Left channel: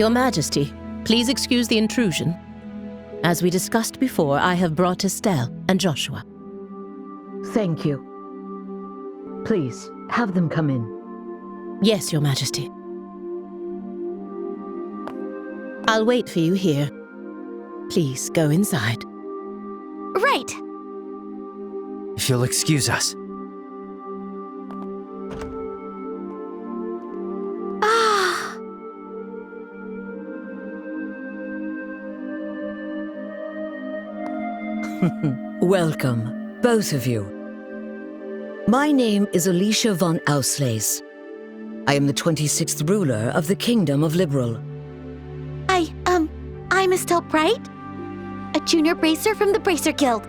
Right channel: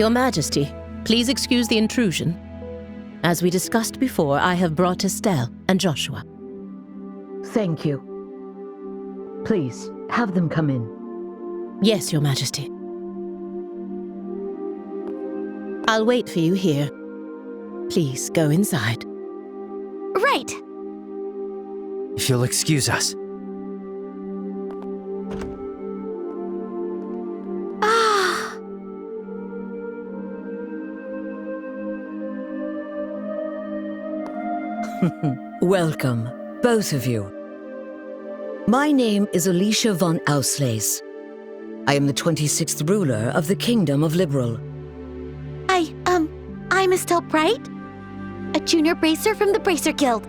Your Majesty, please excuse the intrusion. As we discussed before, I have brought Estelle and Joshua. Thank you. Please, have them come in. Yes, Your Majesty. I'll wait for you here. Please go inside. Right. If you'll excuse us. Welcome, both of you. My name is Alicia von Auslese. I am the 26th ruler of the Kingdom of Liberal. I'm Estelle Bright, a junior bracer from the Bracer Guild.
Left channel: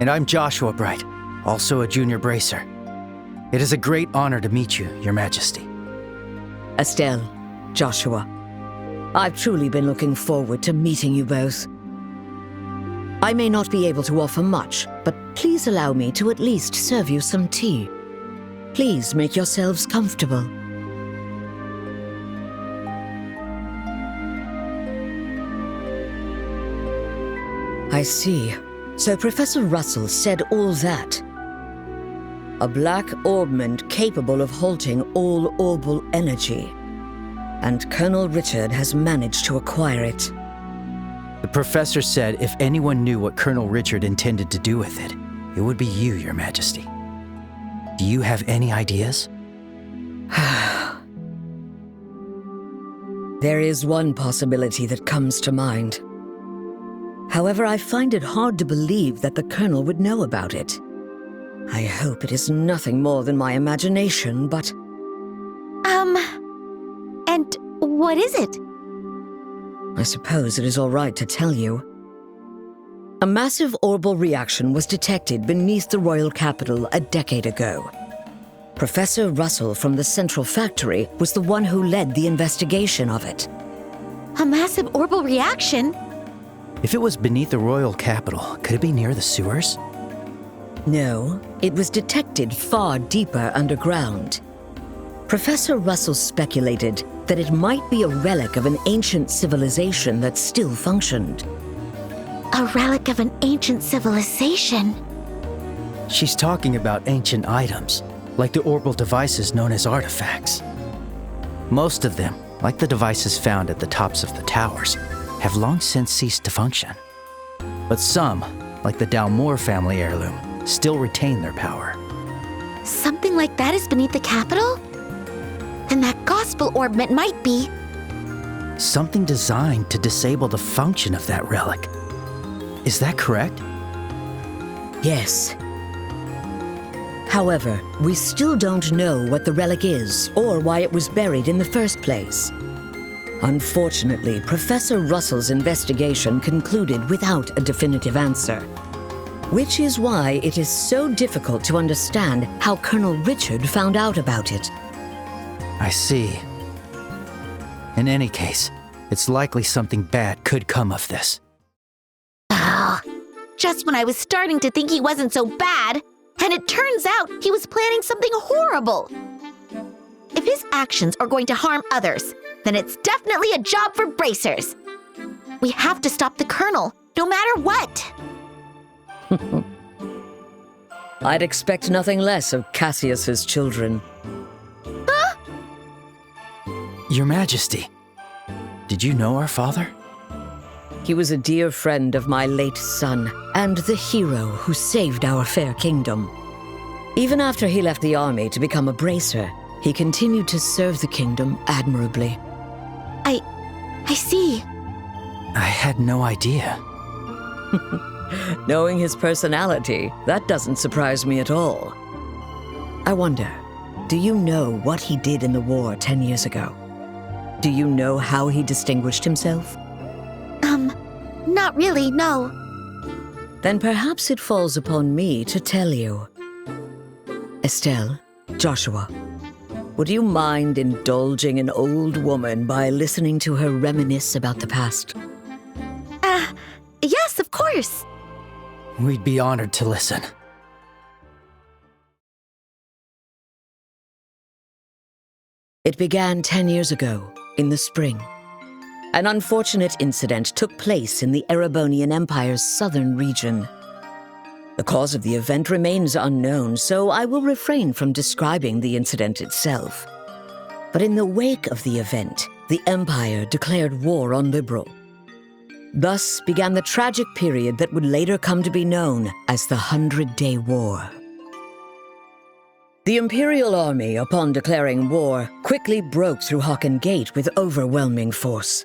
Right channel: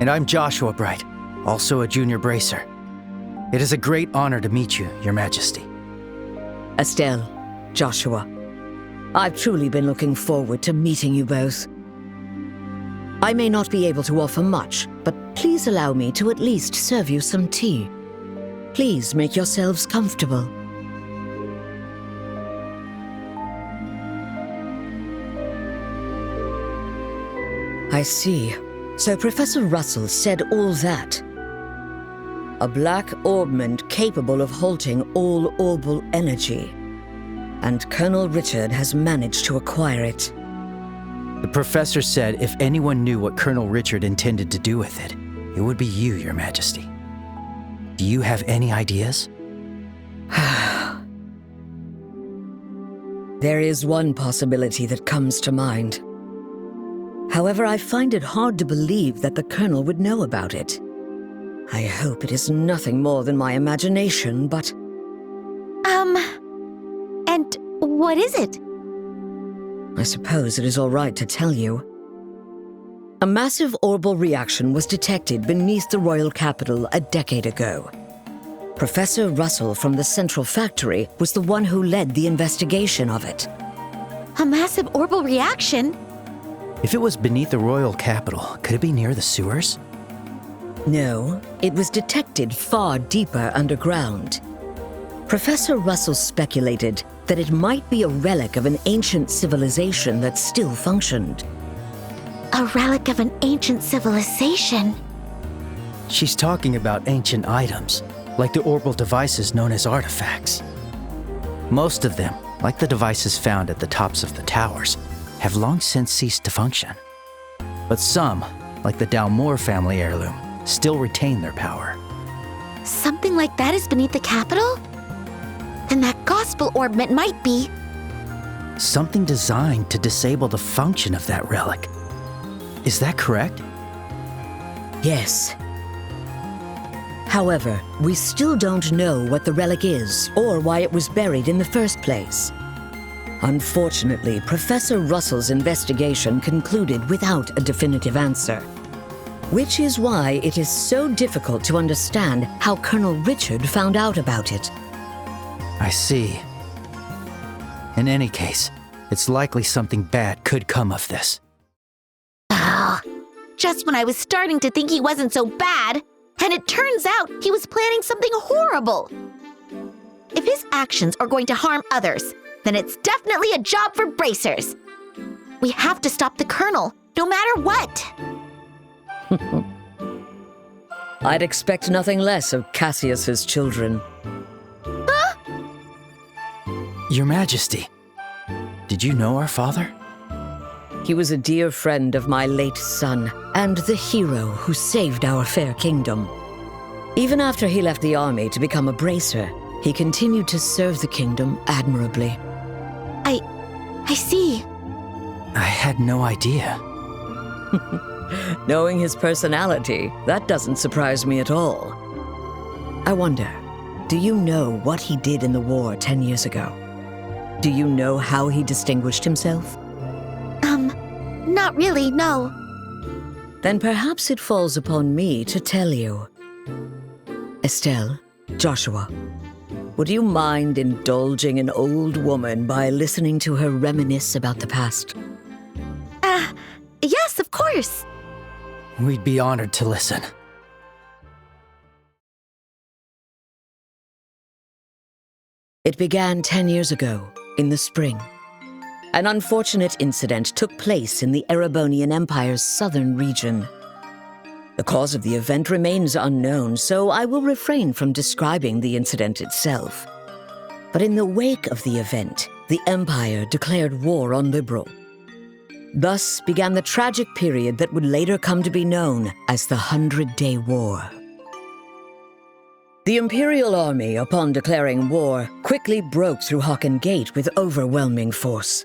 And I'm Joshua Bright, also a junior bracer. It is a great honor to meet you, Your Majesty. Estelle, Joshua, I've truly been looking forward to meeting you both. I may not be able to offer much, but please allow me to at least serve you some tea. Please make yourselves comfortable. I see. So Professor Russell said all that. A black orbment capable of halting all orbal energy. And Colonel Richard has managed to acquire it. The professor said if anyone knew what Colonel Richard intended to do with it, it would be you, Your Majesty. Do you have any ideas? There is one possibility that comes to mind. However, I find it hard to believe that the Colonel would know about it. I hope it is nothing more than my imagination, but... And what is it? I suppose it is all right to tell you. A massive orbal reaction was detected beneath the royal capital a decade ago. Professor Russell from the Central Factory was the one who led the investigation of it. A massive orbal reaction? If it was beneath the royal capital, could it be near the sewers? No, it was detected far deeper underground. Professor Russell speculated that it might be a relic of an ancient civilization that still functioned. A relic of an ancient civilization? She's talking about ancient items, like the orbal devices known as artifacts. Most of them, like the devices found at the tops of the towers, have long since ceased to function. But some, like the Dalmor family heirloom, still retain their power. Something like that is beneath the capital? Then that gospel orbment might be... Something designed to disable the function of that relic. Is that correct? Yes. However, we still don't know what the relic is or why it was buried in the first place. Unfortunately, Professor Russell's investigation concluded without a definitive answer. Which is why it is so difficult to understand how Colonel Richard found out about it. I see. In any case, it's likely something bad could come of this. Ah, just when I was starting to think he wasn't so bad, and it turns out he was planning something horrible. If his actions are going to harm others, then it's definitely a job for bracers. We have to stop the Colonel, no matter what. I'd expect nothing less of Cassius's children. Your Majesty, did you know our father? He was a dear friend of my late son, and the hero who saved our fair kingdom. Even after he left the army to become a bracer, he continued to serve the kingdom admirably. I see. I had no idea. Knowing his personality, that doesn't surprise me at all. I wonder, do you know what he did in the war 10 years ago? Do you know how he distinguished himself? Not really, no. Then perhaps it falls upon me to tell you. Estelle, Joshua, would you mind indulging an old woman by listening to her reminisce about the past? Yes, of course. We'd be honored to listen. It began 10 years ago, in the spring. An unfortunate incident took place in the Erebonian Empire's southern region. The cause of the event remains unknown, so I will refrain from describing the incident itself. But in the wake of the event, the Empire declared war on Liberl. Thus began the tragic period that would later come to be known as the 100-Day War. The Imperial Army, upon declaring war, quickly broke through Hocken Gate with overwhelming force.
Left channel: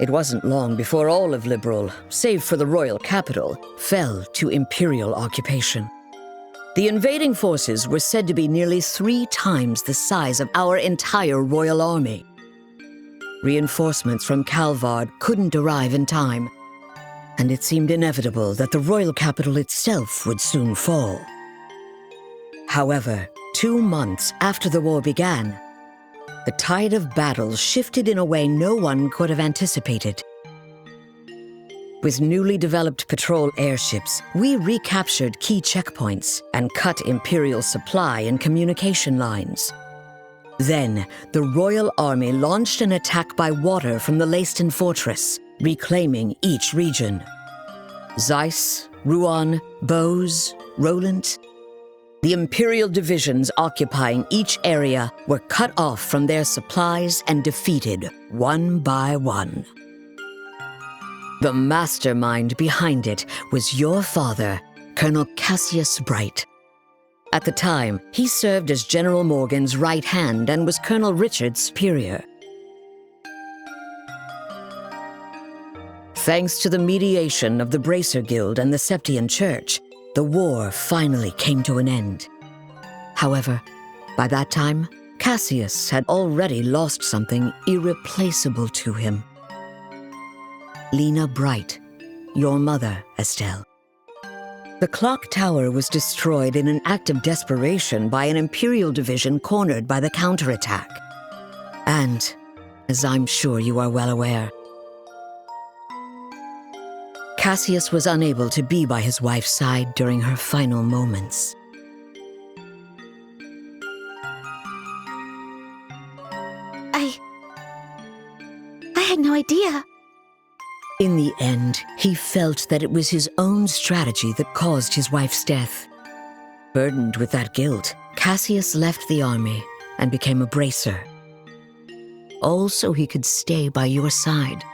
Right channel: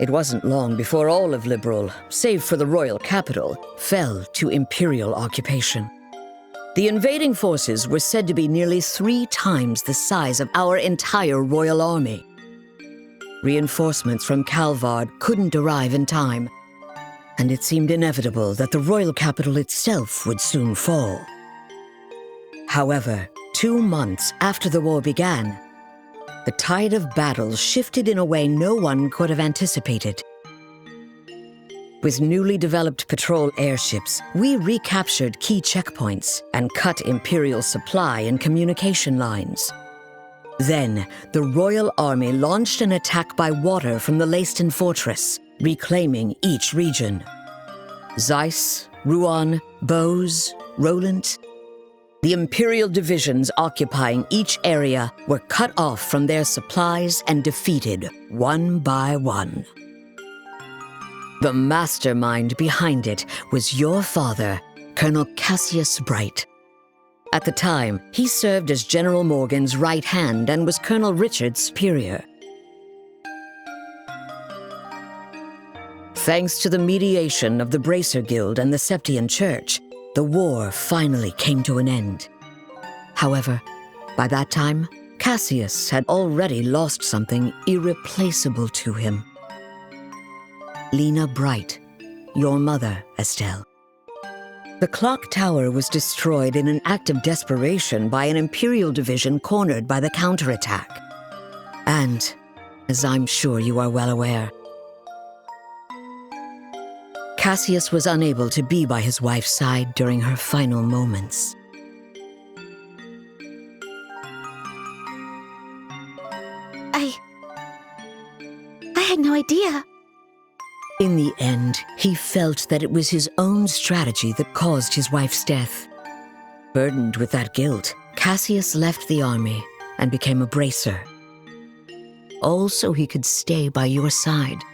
It wasn't long before all of Liberl, save for the royal capital, fell to Imperial occupation. The invading forces were said to be nearly 3 times the size of our entire royal army. Reinforcements from Calvard couldn't arrive in time, and it seemed inevitable that the royal capital itself would soon fall. However, 2 months after the war began, the tide of battle shifted in a way no one could have anticipated. With newly developed patrol airships, we recaptured key checkpoints and cut Imperial supply and communication lines. Then, the Royal Army launched an attack by water from the Leiston Fortress, reclaiming each region. Zeiss, Rouen, Bose, Roland. The Imperial divisions occupying each area were cut off from their supplies and defeated one by one. The mastermind behind it was your father, Colonel Cassius Bright. At the time, he served as General Morgan's right hand and was Colonel Richard's superior. Thanks to the mediation of the Bracer Guild and the Septian Church, the war finally came to an end. However, by that time, Cassius had already lost something irreplaceable to him. Lena Bright, your mother, Estelle. The clock tower was destroyed in an act of desperation by an Imperial division cornered by the counterattack. And, as I'm sure you are well aware, Cassius was unable to be by his wife's side during her final moments. I had no idea. In the end, he felt that it was his own strategy that caused his wife's death. Burdened with that guilt, Cassius left the army and became a bracer. All so he could stay by your side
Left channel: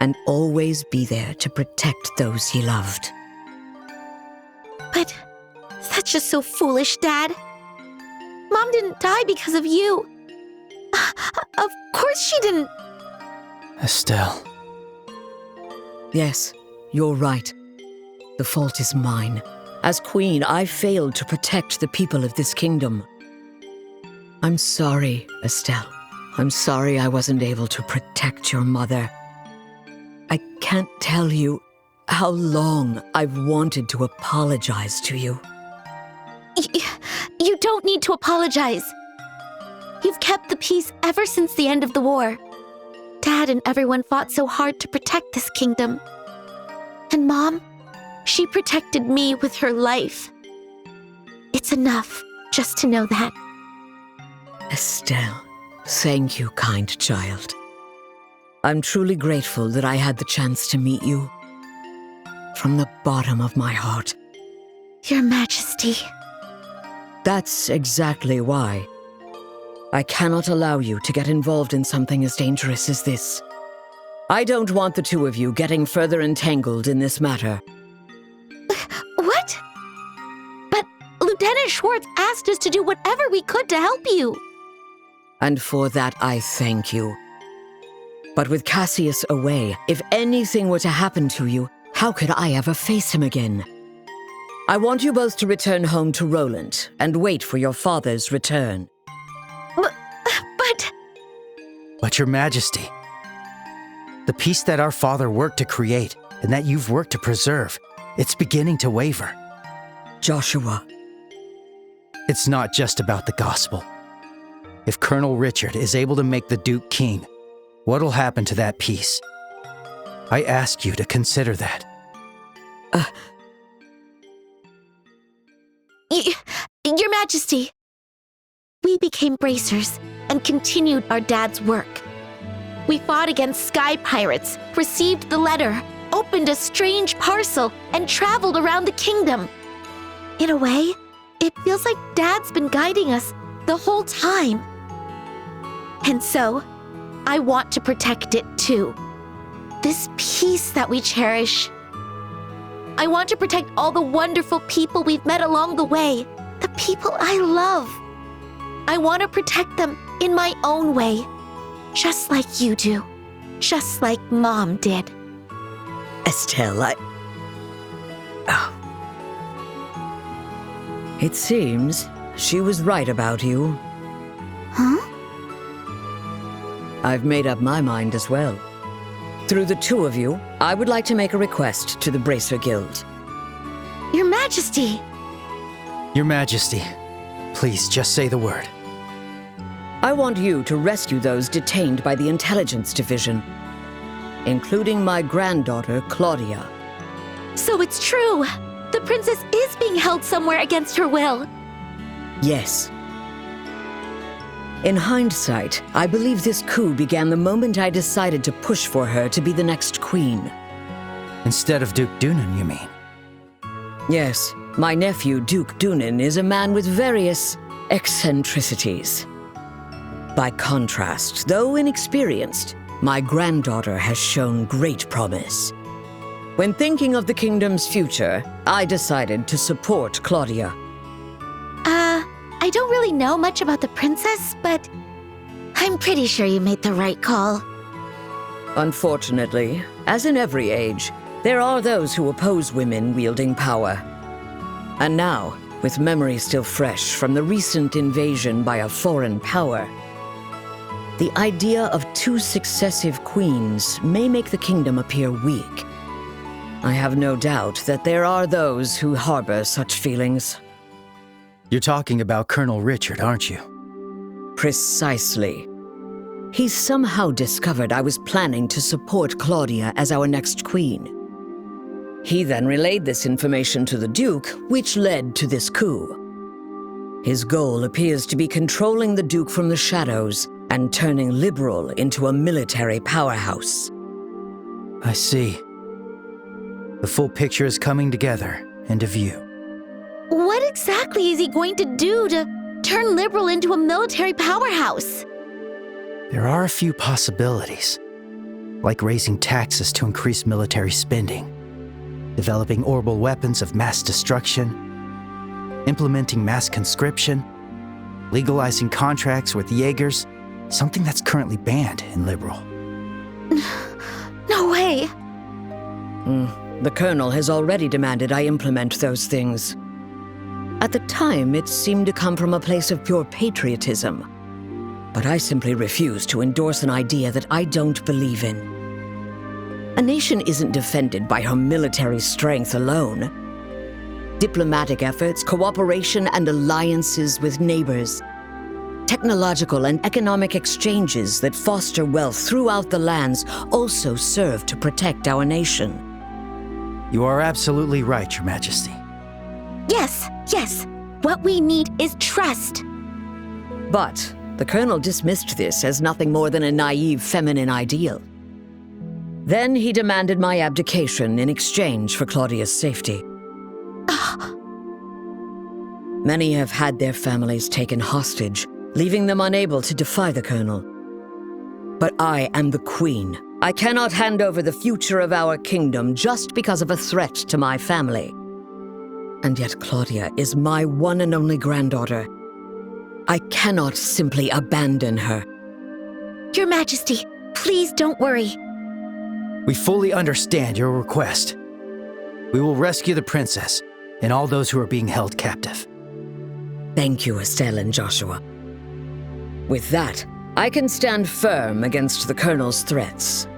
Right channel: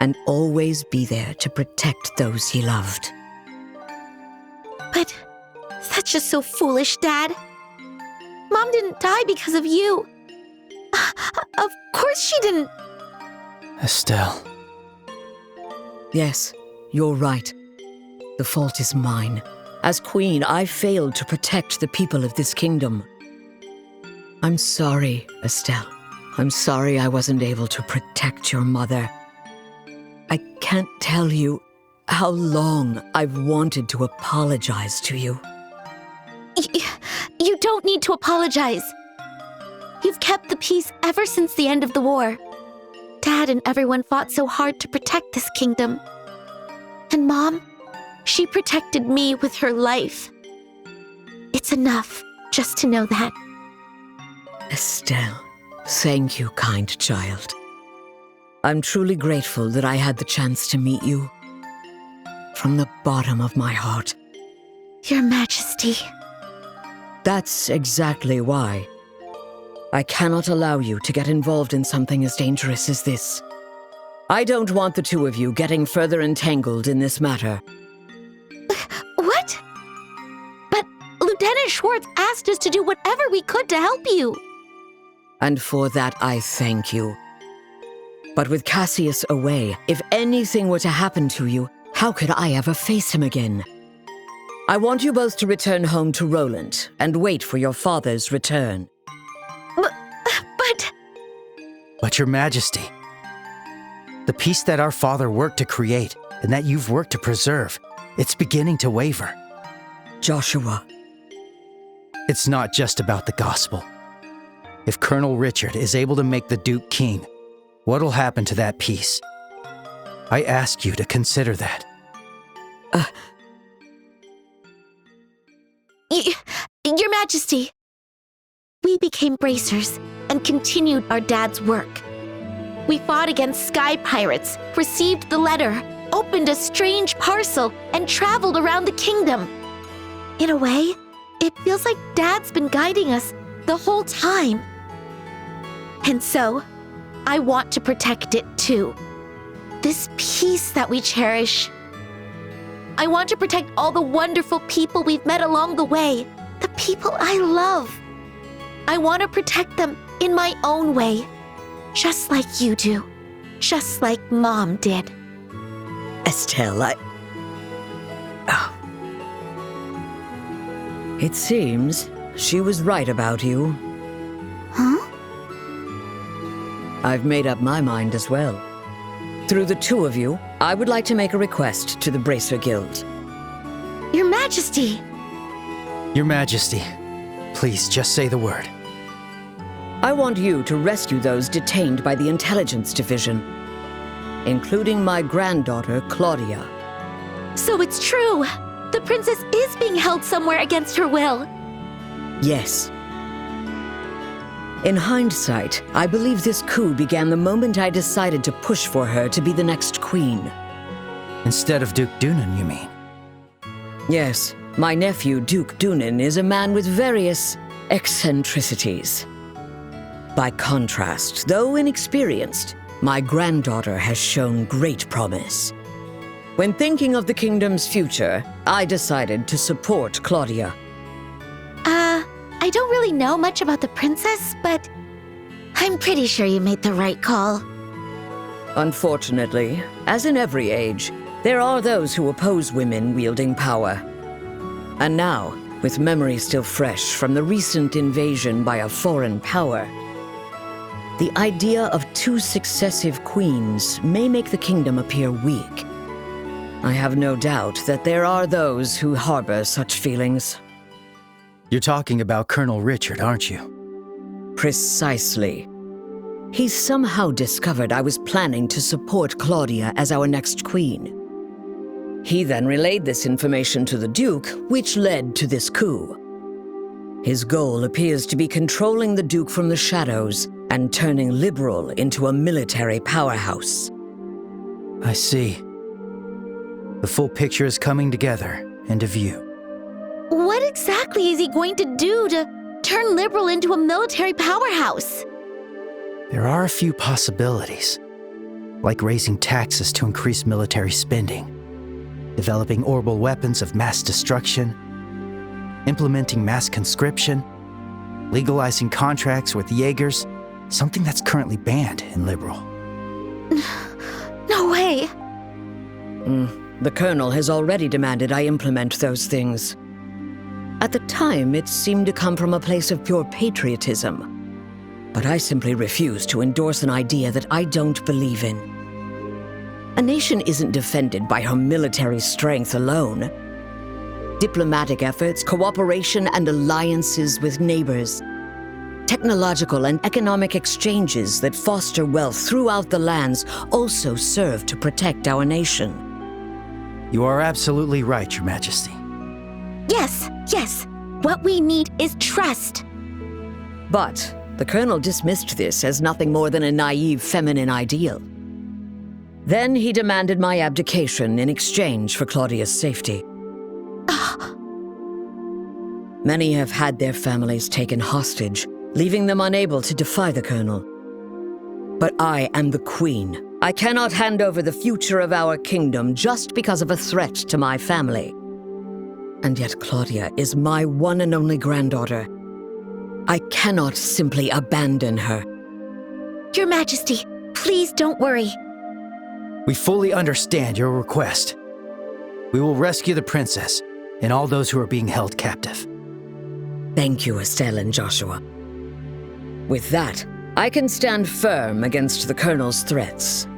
and always be there to protect those he loved. But that's just so foolish, Dad. Mom didn't die because of you. Of course she didn't. Estelle. Yes, you're right. The fault is mine. As queen, I failed to protect the people of this kingdom. I'm sorry, Estelle. I'm sorry I wasn't able to protect your mother. I can't tell you how long I've wanted to apologize to you. You don't need to apologize. You've kept the peace ever since the end of the war. Dad and everyone fought so hard to protect this kingdom. And Mom, she protected me with her life. It's enough just to know that. Estelle, thank you, kind child. I'm truly grateful that I had the chance to meet you. From the bottom of my heart. Your Majesty. That's exactly why. I cannot allow you to get involved in something as dangerous as this. I don't want the two of you getting further entangled in this matter. What? But Lieutenant Schwartz asked us to do whatever we could to help you. And for that, I thank you. But with Cassius away, if anything were to happen to you, how could I ever face him again? I want you both to return home to Roland and wait for your father's return. But Your Majesty, the peace that our father worked to create and that you've worked to preserve, it's beginning to waver. Joshua. It's not just about the gospel. If Colonel Richard is able to make the Duke king, what'll happen to that peace? I ask you to consider that. Your Majesty, we became bracers and continued our dad's work. We fought against sky pirates, received the letter, opened a strange parcel, and traveled around the kingdom. In a way, it feels like Dad's been guiding us the whole time. And so, I want to protect it too. This peace that we cherish. I want to protect all the wonderful people we've met along the way, the people I love. I want to protect them in my own way, just like you do, just like Mom did. Estelle, It seems she was right about you. Huh? I've made up my mind as well. Through the two of you, I would like to make a request to the Bracer Guild. Your Majesty! Your Majesty, please just say the word. I want you to rescue those detained by the Intelligence Division, including my granddaughter, Claudia. So it's true! The princess is being held somewhere against her will. Yes. In hindsight, I believe this coup began the moment I decided to push for her to be the next queen. Instead of Duke Dunan, you mean? Yes, my nephew, Duke Dunan, is a man with various eccentricities. By contrast, though inexperienced, my granddaughter has shown great promise. When thinking of the kingdom's future, I decided to support Claudia. I don't really know much about the princess, but I'm pretty sure you made the right call. Unfortunately, as in every age, there are those who oppose women wielding power. And now, with memory still fresh from the recent invasion by a foreign power, the idea of 2 successive queens may make the kingdom appear weak. I have no doubt that there are those who harbor such feelings. You're talking about Colonel Richard, aren't you? Precisely. He somehow discovered I was planning to support Claudia as our next queen. He then relayed this information to the Duke, which led to this coup. His goal appears to be controlling the Duke from the shadows and turning Liberl into a military powerhouse. I see. The full picture is coming together into view. What exactly is he going to do to turn Liberl into a military powerhouse? There are a few possibilities, like raising taxes to increase military spending, developing orbital weapons of mass destruction, implementing mass conscription, legalizing contracts with Jaegers, something that's currently banned in Liberl. No way! The Colonel has already demanded I implement those things. At the time, it seemed to come from a place of pure patriotism. But I simply refuse to endorse an idea that I don't believe in. A nation isn't defended by her military strength alone. Diplomatic efforts, cooperation, and alliances with neighbors. Technological and economic exchanges that foster wealth throughout the lands also serve to protect our nation. You are absolutely right, Your Majesty. Yes. What we need is trust. But the Colonel dismissed this as nothing more than a naive feminine ideal. Then he demanded my abdication in exchange for Claudia's safety. Many have had their families taken hostage, leaving them unable to defy the Colonel. But I am the Queen. I cannot hand over the future of our kingdom just because of a threat to my family. And yet Claudia is my one and only granddaughter. I cannot simply abandon her. Your Majesty, please don't worry. We fully understand your request. We will rescue the princess and all those who are being held captive. Thank you, Estelle and Joshua. With that, I can stand firm against the Colonel's threats.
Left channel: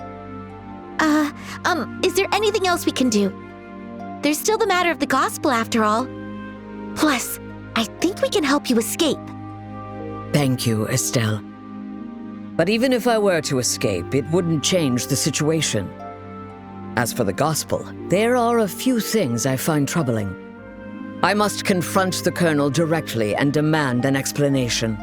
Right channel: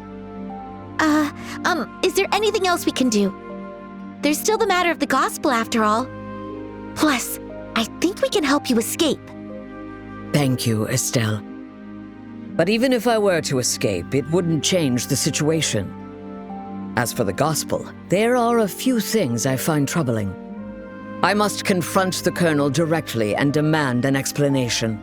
Is there anything else we can do? There's still the matter of the gospel after all. Plus, I think we can help you escape. Thank you, Estelle. But even if I were to escape, it wouldn't change the situation. As for the gospel, there are a few things I find troubling. I must confront the Colonel directly and demand an explanation.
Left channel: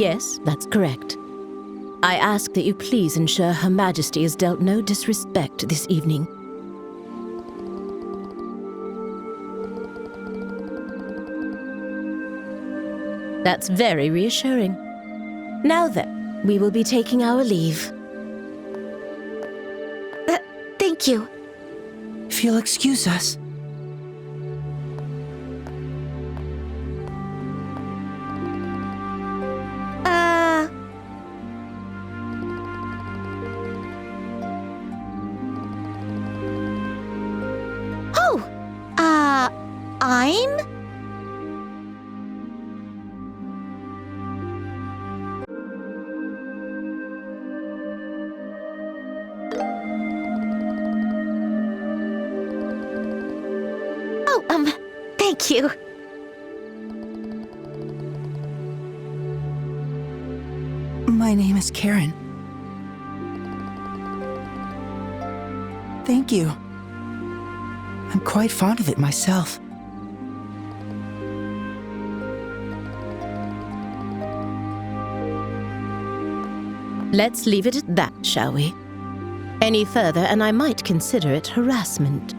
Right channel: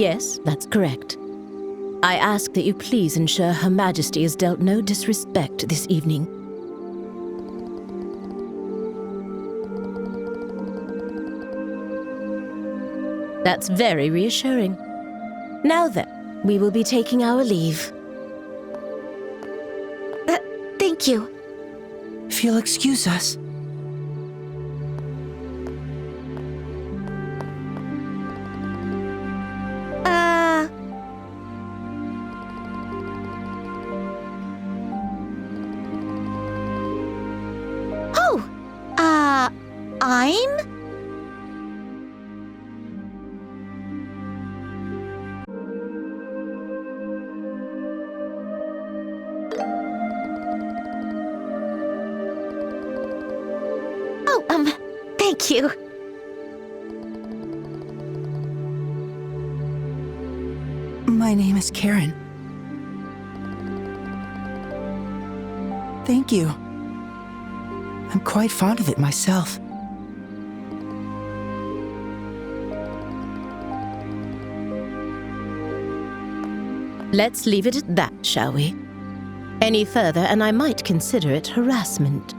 Yes, that's correct. I ask that you please ensure Her Majesty is dealt no disrespect this evening. That's very reassuring. Now then, we will be taking our leave. Thank you. If you'll excuse us. I'm? Oh, thank you. My name is Karen. Thank you. I'm quite fond of it myself. Let's leave it at that, shall we? Any further, and I might consider it harassment.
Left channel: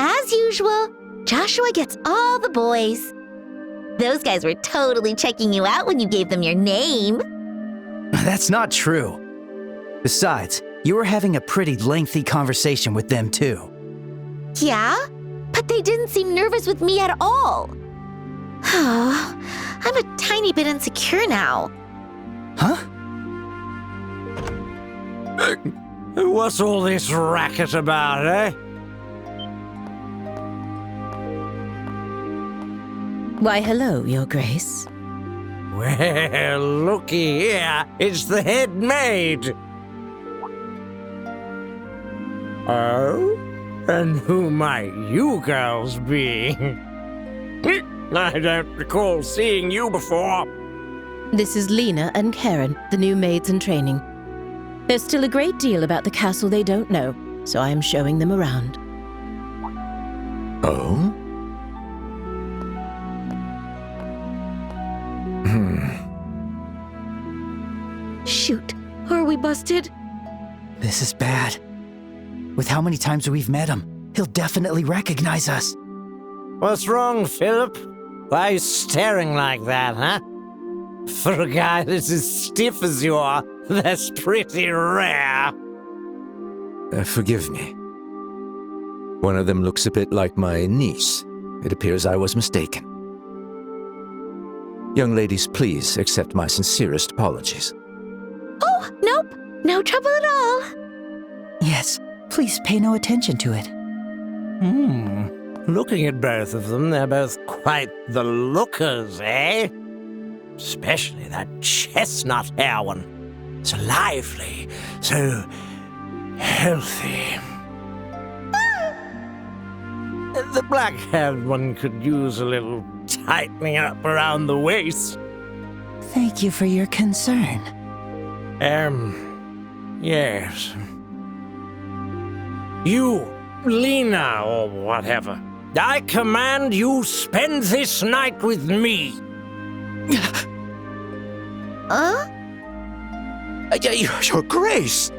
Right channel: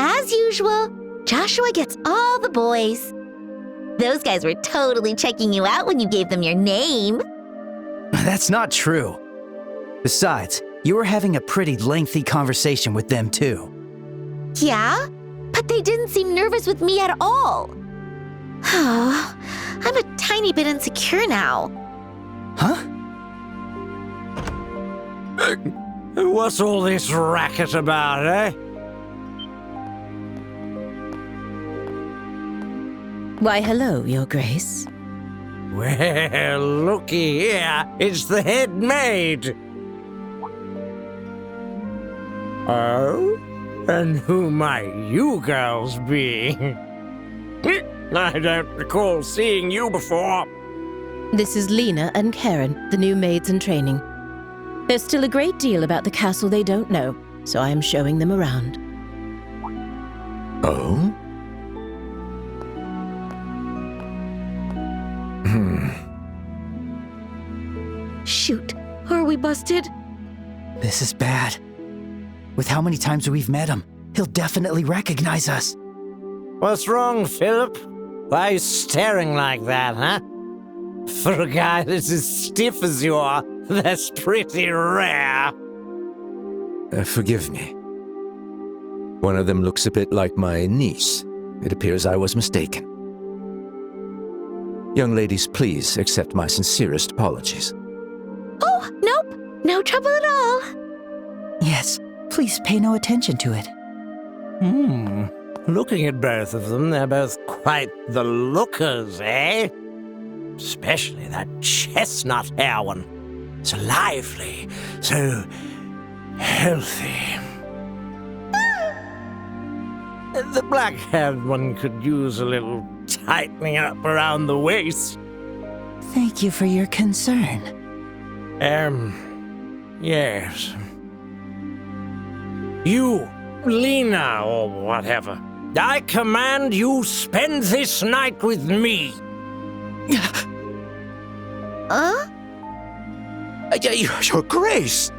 As usual, Joshua gets all the boys. Those guys were totally checking you out when you gave them your name. That's not true. Besides, you were having a pretty lengthy conversation with them too. Yeah? But they didn't seem nervous with me at all. I'm a tiny bit insecure now. Huh? What's all this racket about, eh? Why, hello, Your Grace. Well, looky here. It's the head maid. Oh? And who might you girls be? I don't recall seeing you before. This is Lena and Karen, the new maids in training. There's still a great deal about the castle they don't know, so I am showing them around. Oh? Shoot, are we busted? This is bad. With how many times we've met him, he'll definitely recognize us. What's wrong, Philip? Why are you staring like that, huh? For a guy that's as stiff as you are, that's pretty rare. Forgive me. One of them looks a bit like my niece. It appears I was mistaken. Young ladies, please accept my sincerest apologies. Oh, nope. No trouble at all. Yes, please pay no attention to it. Looking at both of them, they're both quite the lookers, eh? Especially that chestnut hair one. So lively, so healthy. The black-haired one could use a little tightening up around the waist. Thank you for your concern. Yes. You, Lena, or whatever. I command you spend this night with me. Your Grace!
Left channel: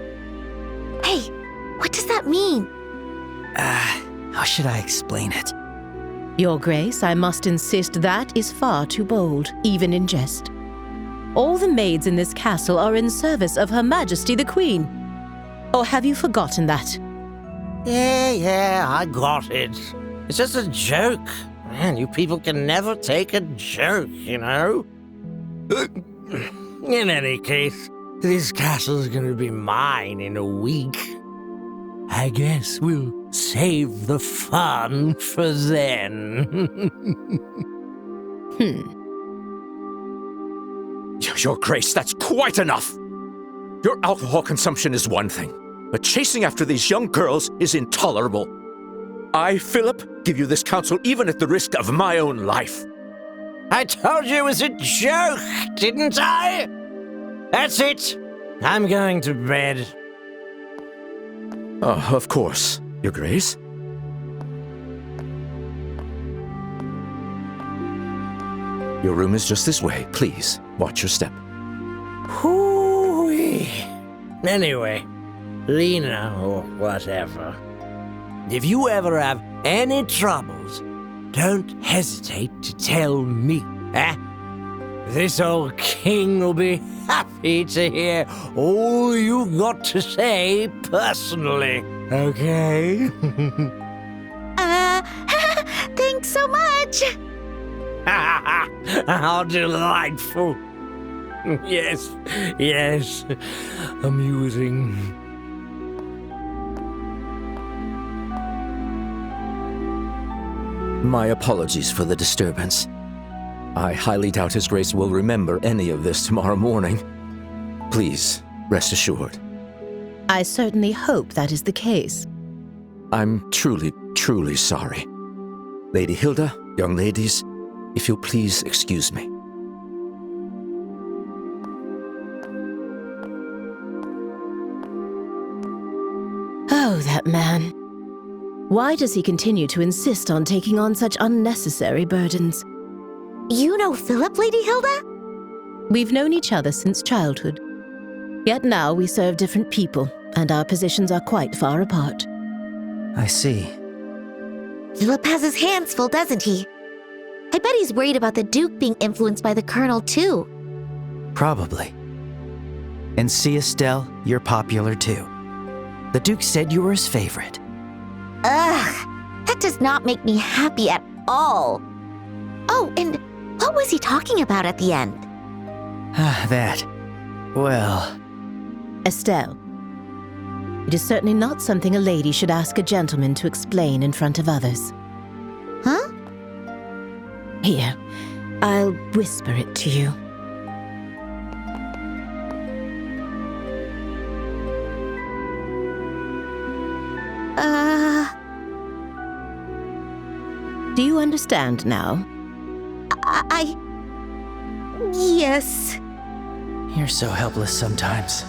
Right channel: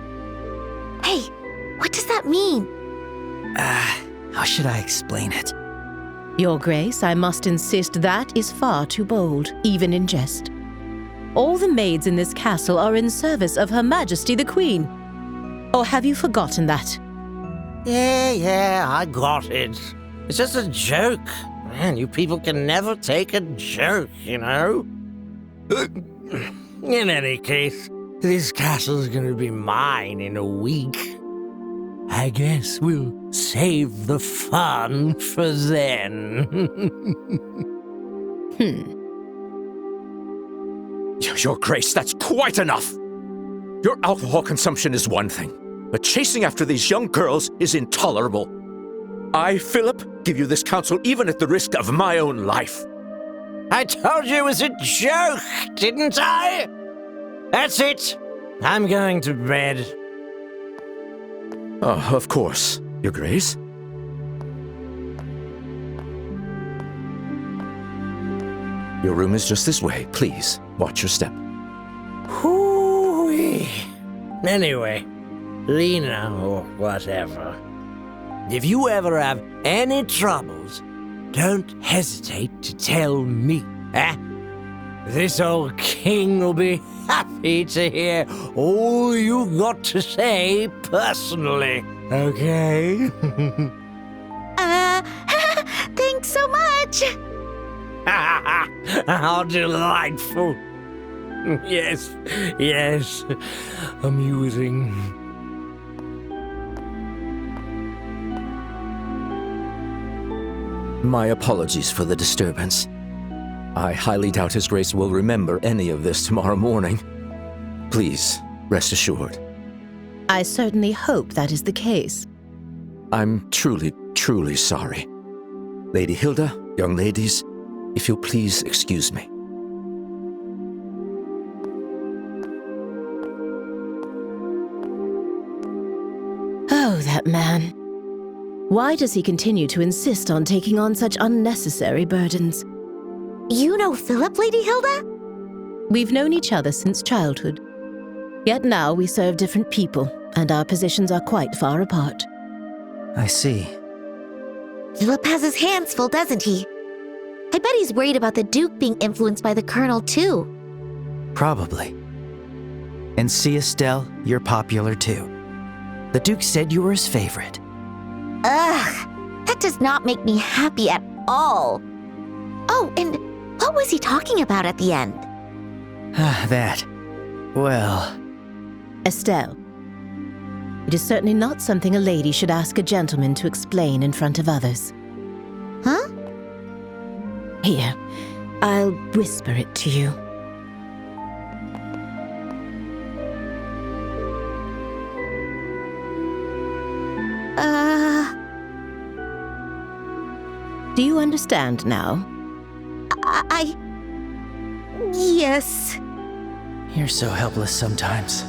Hey, what does that mean? How should I explain it? Your Grace, I must insist that is far too bold, even in jest. All the maids in this castle are in service of Her Majesty the Queen. Or have you forgotten that? Yeah, I got it. It's just a joke. Man, you people can never take a joke, you know? In any case, this castle's gonna be mine in a week. I guess we'll save the fun for then. Your Grace, that's quite enough! Your alcohol consumption is one thing, but chasing after these young girls is intolerable. I, Philip, give you this counsel even at the risk of my own life. I told you it was a joke, didn't I? That's it. I'm going to bed. Oh, of course, Your Grace. Your room is just this way. Please, watch your step. Hoo-wee. Anyway, Lena or whatever, if you ever have any troubles, don't hesitate to tell me, eh? This old king will be happy to hear all you've got to say personally, okay? Thanks so much. How delightful. Yes, amusing. My apologies for the disturbance. I highly doubt His Grace will remember any of this tomorrow morning. Please, rest assured. I certainly hope that is the case. I'm truly, truly sorry. Lady Hilda, young ladies, if you'll please excuse me. Oh, that man. Why does he continue to insist on taking on such unnecessary burdens? You know Philip, Lady Hilda? We've known each other since childhood. Yet now we serve different people, and our positions are quite far apart. I see. Philip has his hands full, doesn't he? I bet he's worried about the Duke being influenced by the Colonel, too. Probably. And see, Estelle, you're popular too. The Duke said you were his favorite. Ugh, that does not make me happy at all. Oh, and what was he talking about at the end? That. Well, Estelle, it is certainly not something a lady should ask a gentleman to explain in front of others. Huh? Here, I'll whisper it to you. Do you understand now? Yes. you're so helpless sometimes.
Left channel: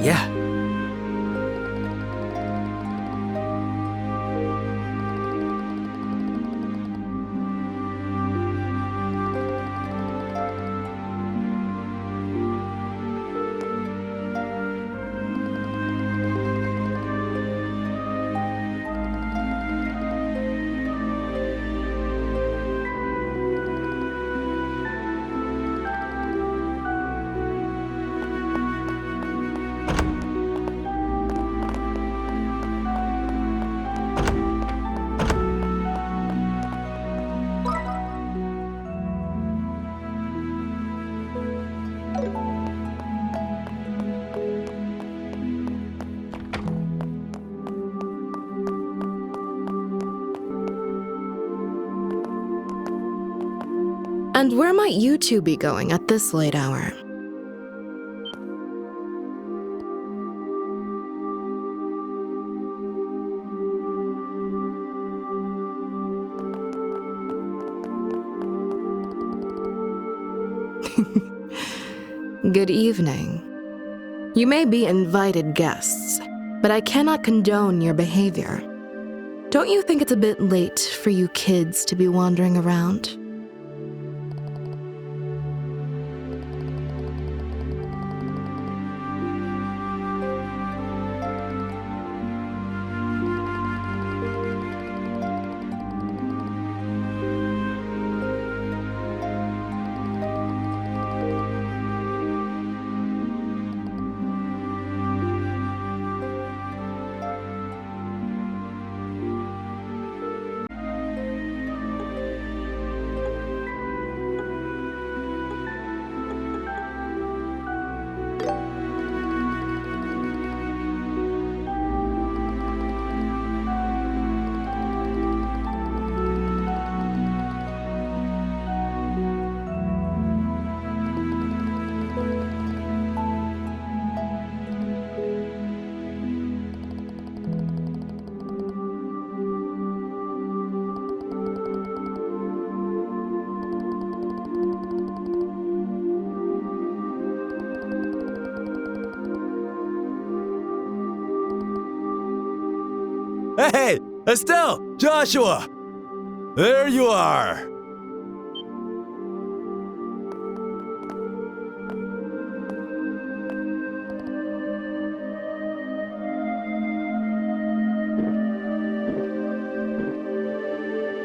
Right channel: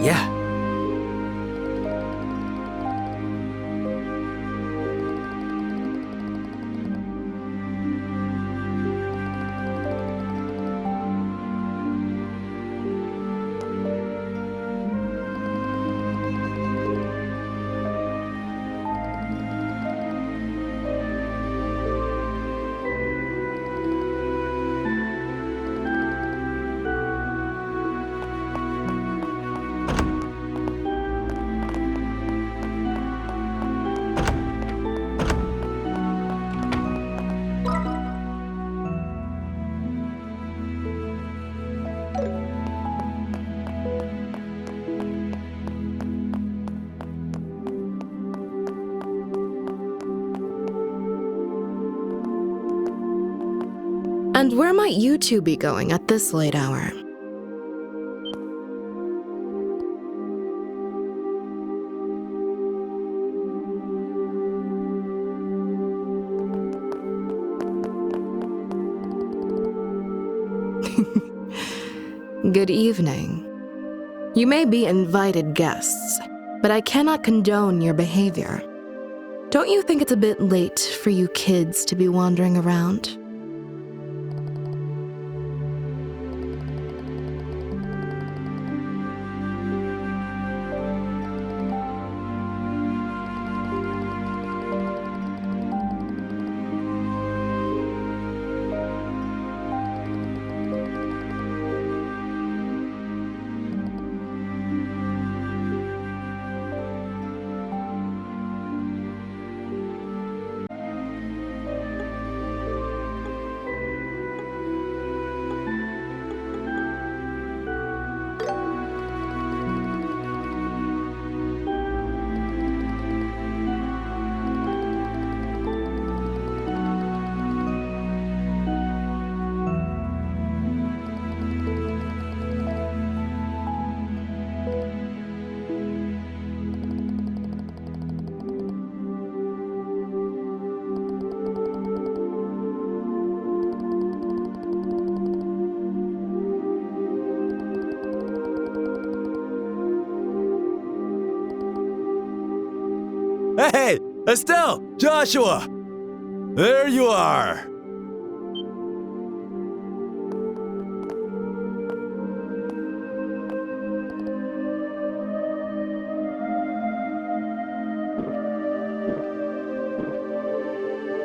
Yeah. And where might you two be going at this late hour? Good evening. You may be invited guests, but I cannot condone your behavior. Don't you think it's a bit late for you kids to be wandering around? Hey, Estelle! Joshua! There you are!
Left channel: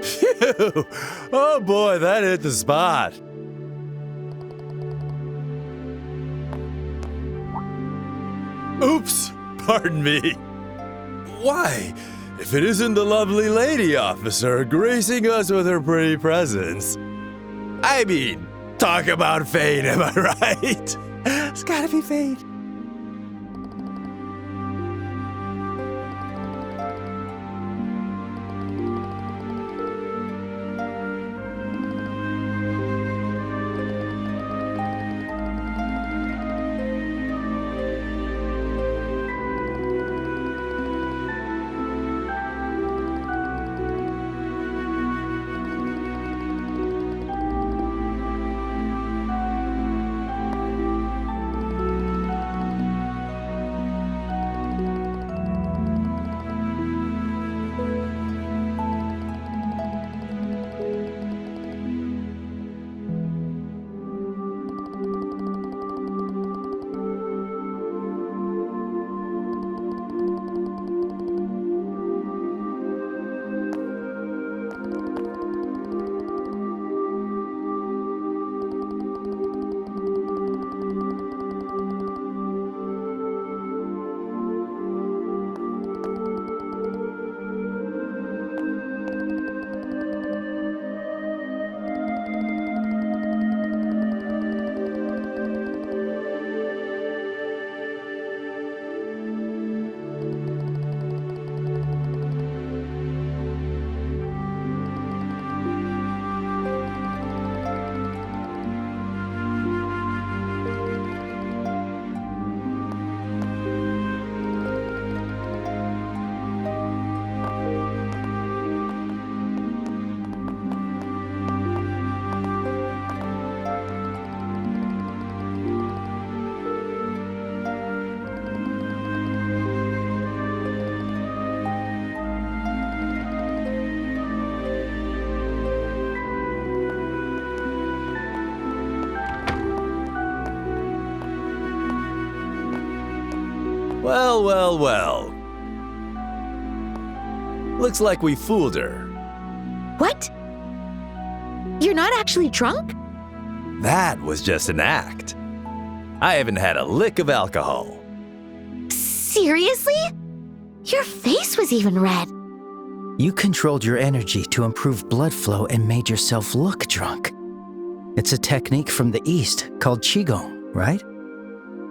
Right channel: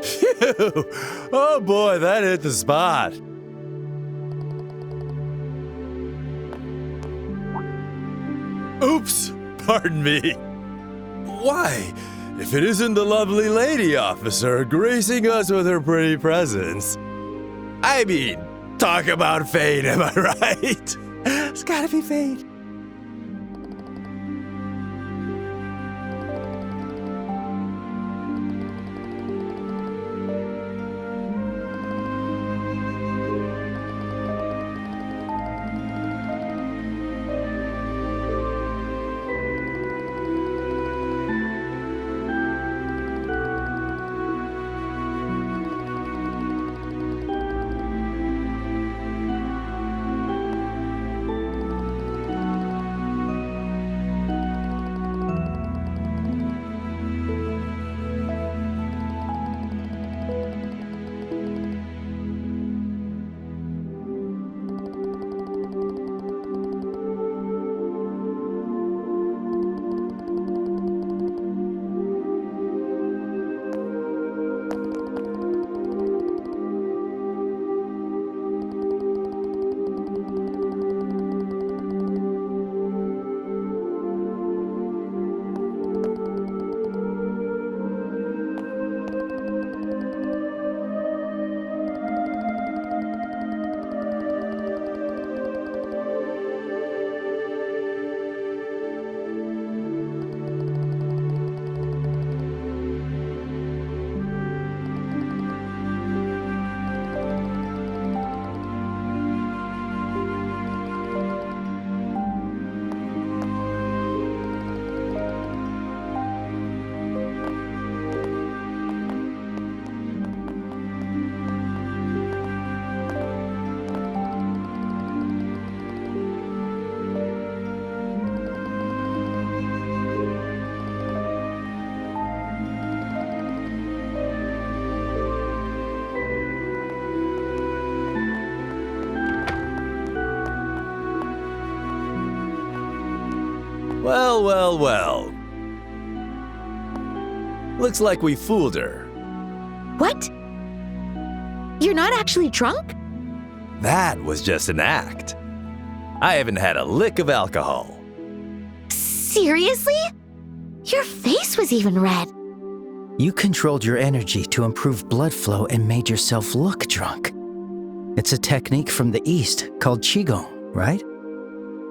Phew! Oh boy, that hit the spot. Oops! Pardon me. Why? If it isn't the lovely lady officer gracing us with her pretty presence. I mean, talk about fate, am I right? It's gotta be fate. Well, well, well. Looks like we fooled her. What? You're not actually drunk? That was just an act. I haven't had a lick of alcohol. Seriously? Your face was even red. You controlled your energy to improve blood flow and made yourself look drunk. It's a technique from the East called Qigong, right?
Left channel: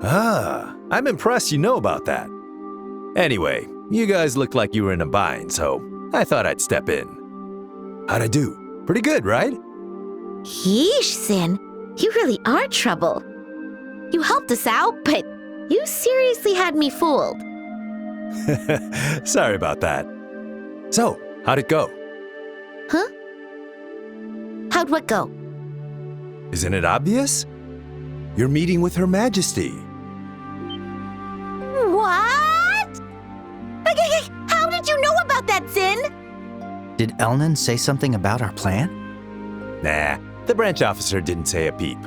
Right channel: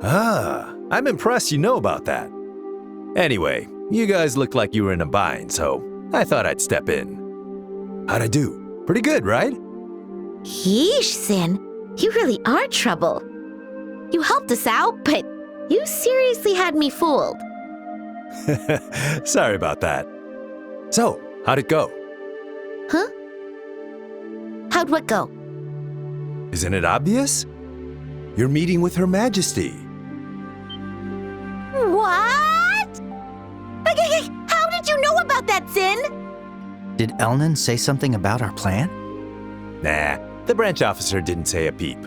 Ah, I'm impressed you know about that. Anyway, you guys looked like you were in a bind, so I thought I'd step in. How'd I do? Pretty good, right? Yeesh, Sin. You really are trouble. You helped us out, but you seriously had me fooled. Sorry about that. So, how'd it go? Huh? How'd what go? Isn't it obvious? You're meeting with Her Majesty. What? How did you know about that, Sin? Did Elnan say something about our plan? Nah, the branch officer didn't say a peep.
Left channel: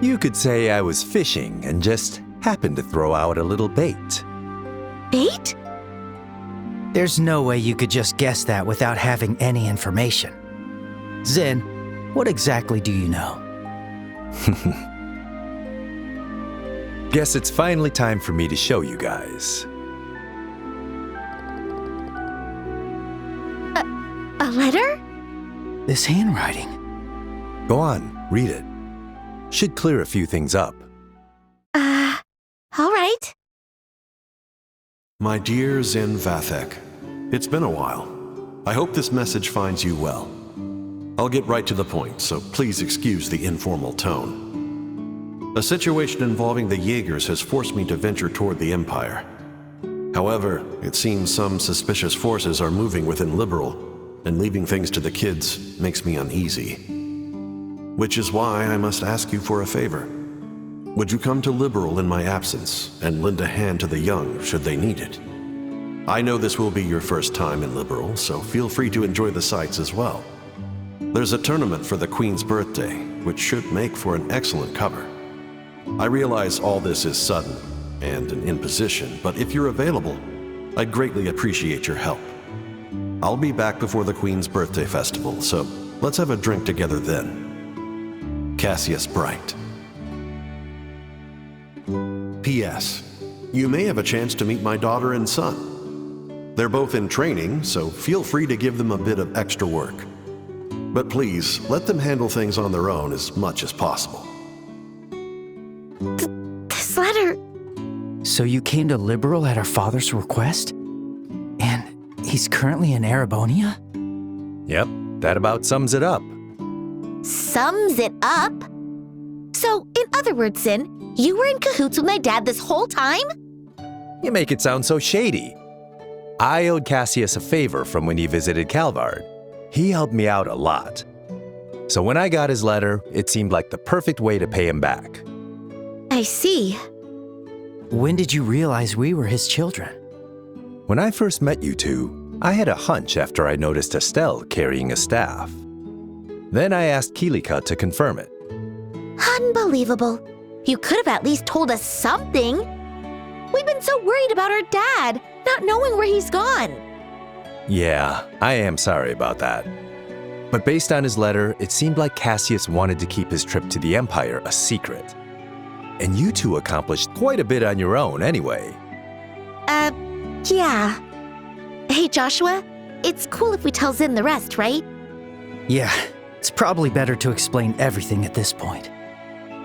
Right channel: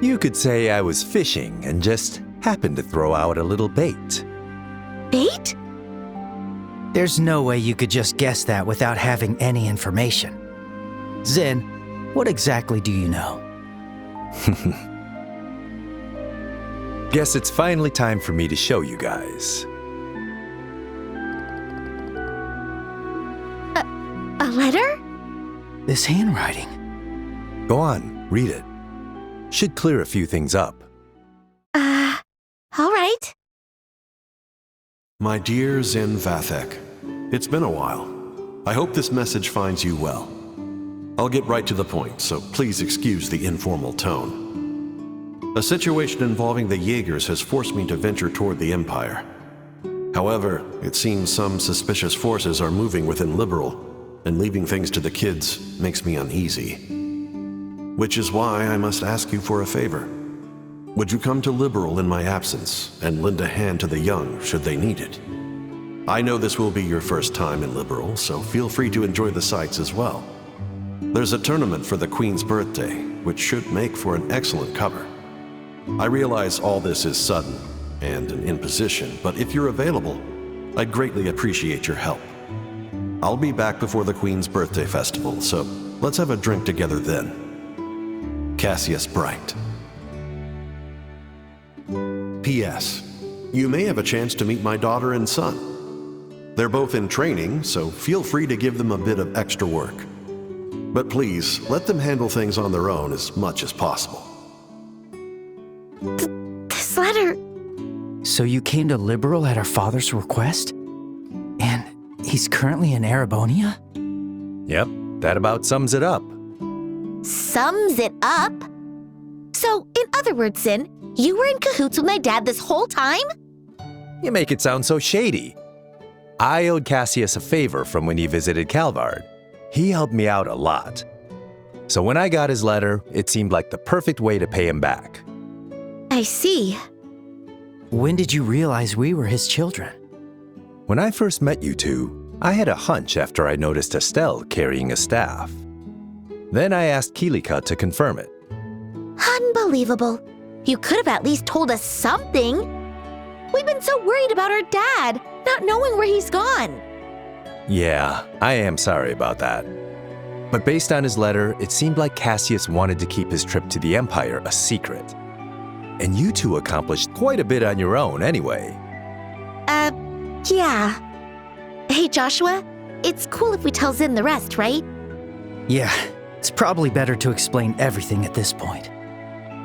You could say I was fishing and just happened to throw out a little bait. Bait? There's no way you could just guess that without having any information. Zin, what exactly do you know? Guess it's finally time for me to show you guys. A letter? This handwriting. Go on, read it. Should clear a few things up. All right. My dear Zin Vathek, it's been a while. I hope this message finds you well. I'll get right to the point, so please excuse the informal tone. A situation involving the Jaegers has forced me to venture toward the Empire. However, it seems some suspicious forces are moving within Liberl, and leaving things to the kids makes me uneasy. Which is why I must ask you for a favor. Would you come to Liberl in my absence and lend a hand to the young should they need it? I know this will be your first time in Liberl, so feel free to enjoy the sights as well. There's a tournament for the Queen's birthday, which should make for an excellent cover. I realize all this is sudden and an imposition, but if you're available, I'd greatly appreciate your help. I'll be back before the Queen's birthday festival, so let's have a drink together then. Cassius Bright. P.S. You may have a chance to meet my daughter and son. They're both in training, so feel free to give them a bit of extra work. But please, let them handle things on their own as much as possible. This letter... So you came to Liberl at our father's request? And he's currently in Erebonia? Yep, that about sums it up. Sums it up? So, in other words, Sin, you were in cahoots with my dad this whole time? You make it sound so shady. I owed Cassius a favor from when he visited Calvard. He helped me out a lot. So when I got his letter, it seemed like the perfect way to pay him back. I see. When did you realize we were his children? When I first met you two, I had a hunch after I noticed Estelle carrying a staff. Then I asked Kilika to confirm it. Unbelievable. You could have at least told us something. We've been so worried about our dad, not knowing where he's gone. Yeah, I am sorry about that. But based on his letter, it seemed like Cassius wanted to keep his trip to the Empire a secret. And you two accomplished quite a bit on your own anyway. Yeah. Hey, Joshua, it's cool if we tell Zin the rest, right? Yeah, it's probably better to explain everything at this point.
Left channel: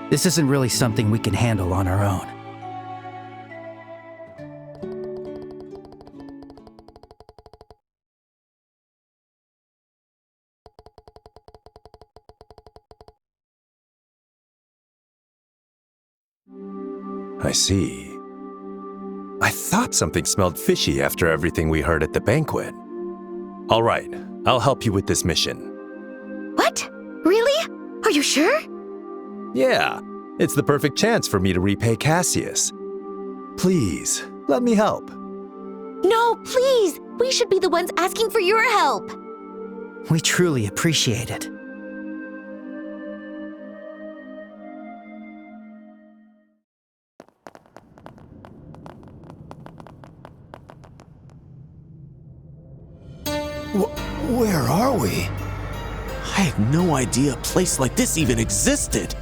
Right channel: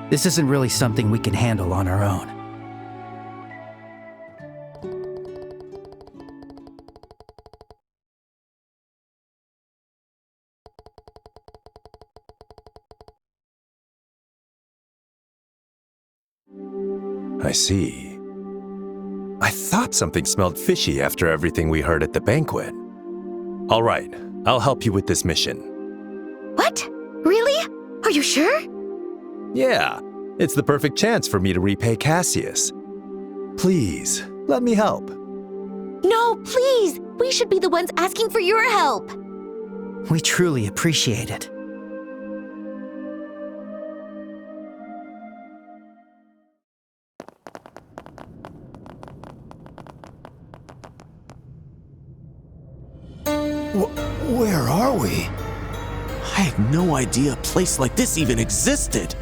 This isn't really something we can handle on our own. I see. I thought something smelled fishy after everything we heard at the banquet. All right, I'll help you with this mission. What? Really? Are you sure? Yeah, it's the perfect chance for me to repay Cassius. Please, let me help. No, please! We should be the ones asking for your help! We truly appreciate it. Where are we? I had no idea a place like this even existed.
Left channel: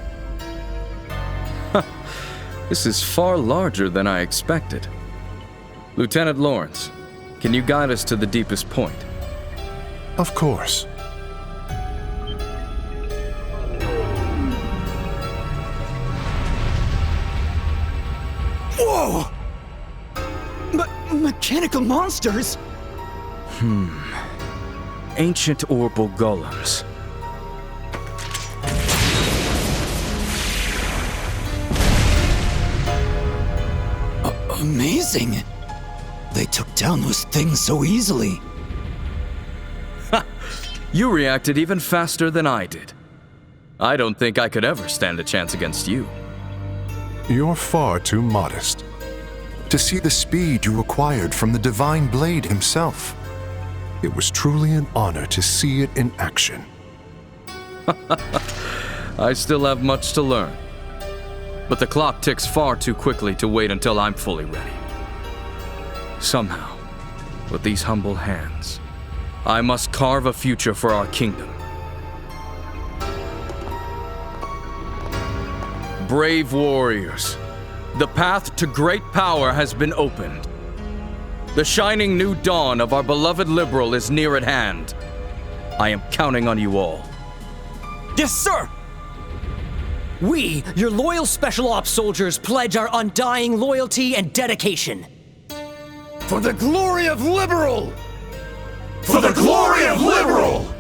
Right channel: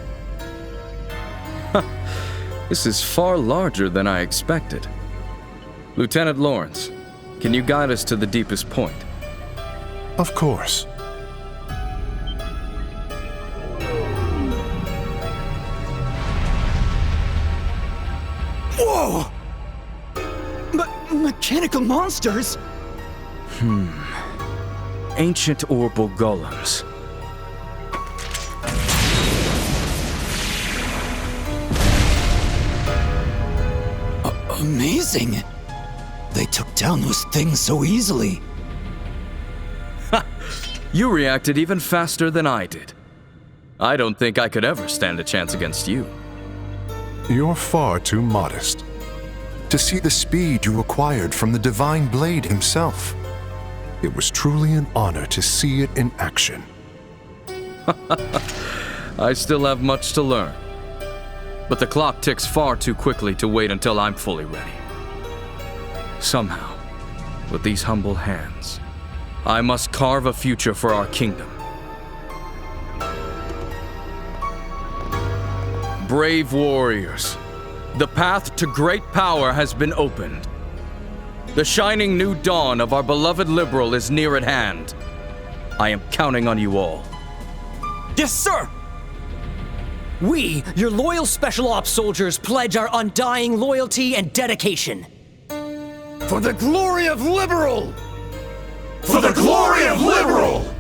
This is far larger than I expected. Lieutenant Lawrence, can you guide us to the deepest point? Of course. Whoa! Mechanical monsters? Ancient Orbal golems. Amazing. They took down those things so easily. You reacted even faster than I did. I don't think I could ever stand a chance against you. You're far too modest. To see the speed you acquired from the Divine Blade himself. It was truly an honor to see it in action. I still have much to learn. But the clock ticks far too quickly to wait until I'm fully ready. Somehow, with these humble hands, I must carve a future for our kingdom. Brave warriors, the path to great power has been opened. The shining new dawn of our beloved Liberl is near at hand. I am counting on you all. Yes, sir! We, your loyal Special Ops soldiers, pledge our undying loyalty and dedication. For the glory of Liberl! For the glory of Liberl!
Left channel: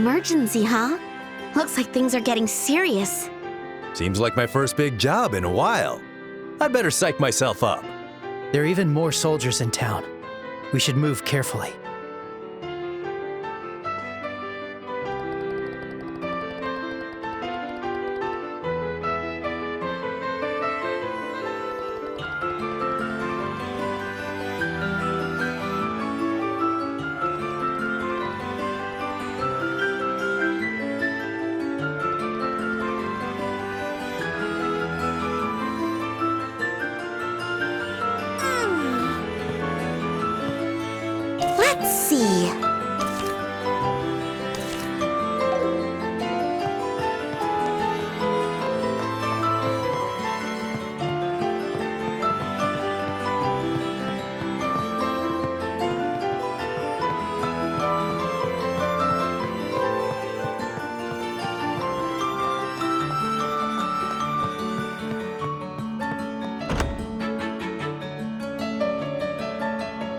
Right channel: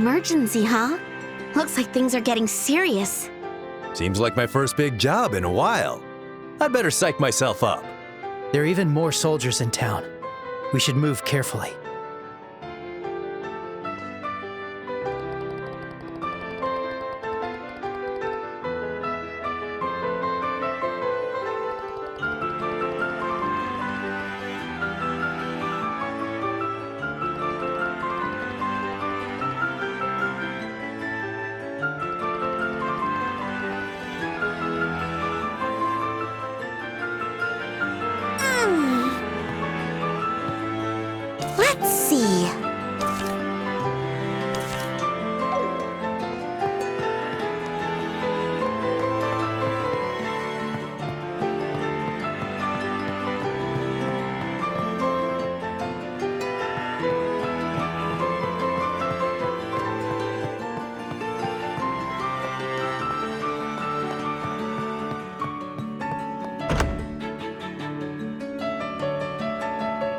emergency, huh? Looks like things are getting serious. Seems like my first big job in a while. I'd better psych myself up. There are even more soldiers in town. We should move carefully. Let's see.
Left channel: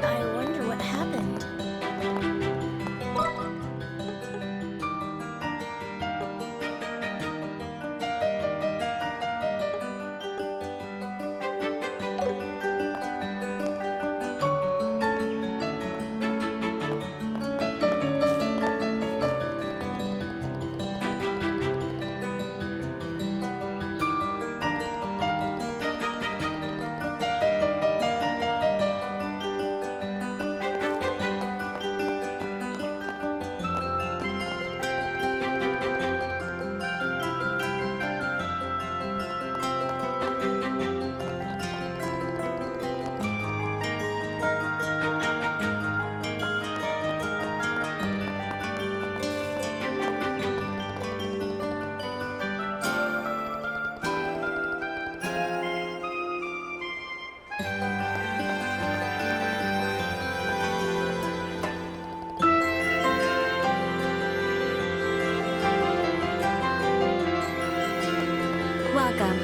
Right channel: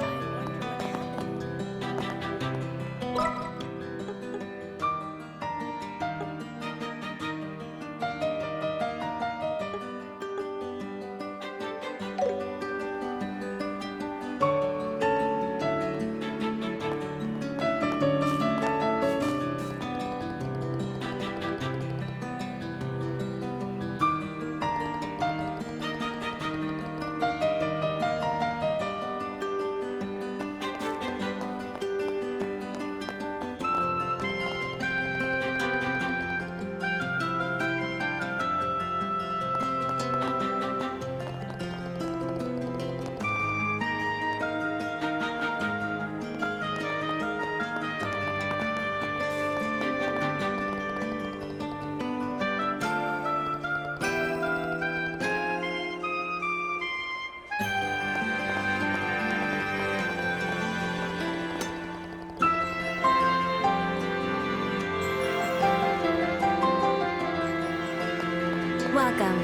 I wonder what happened. Welcome.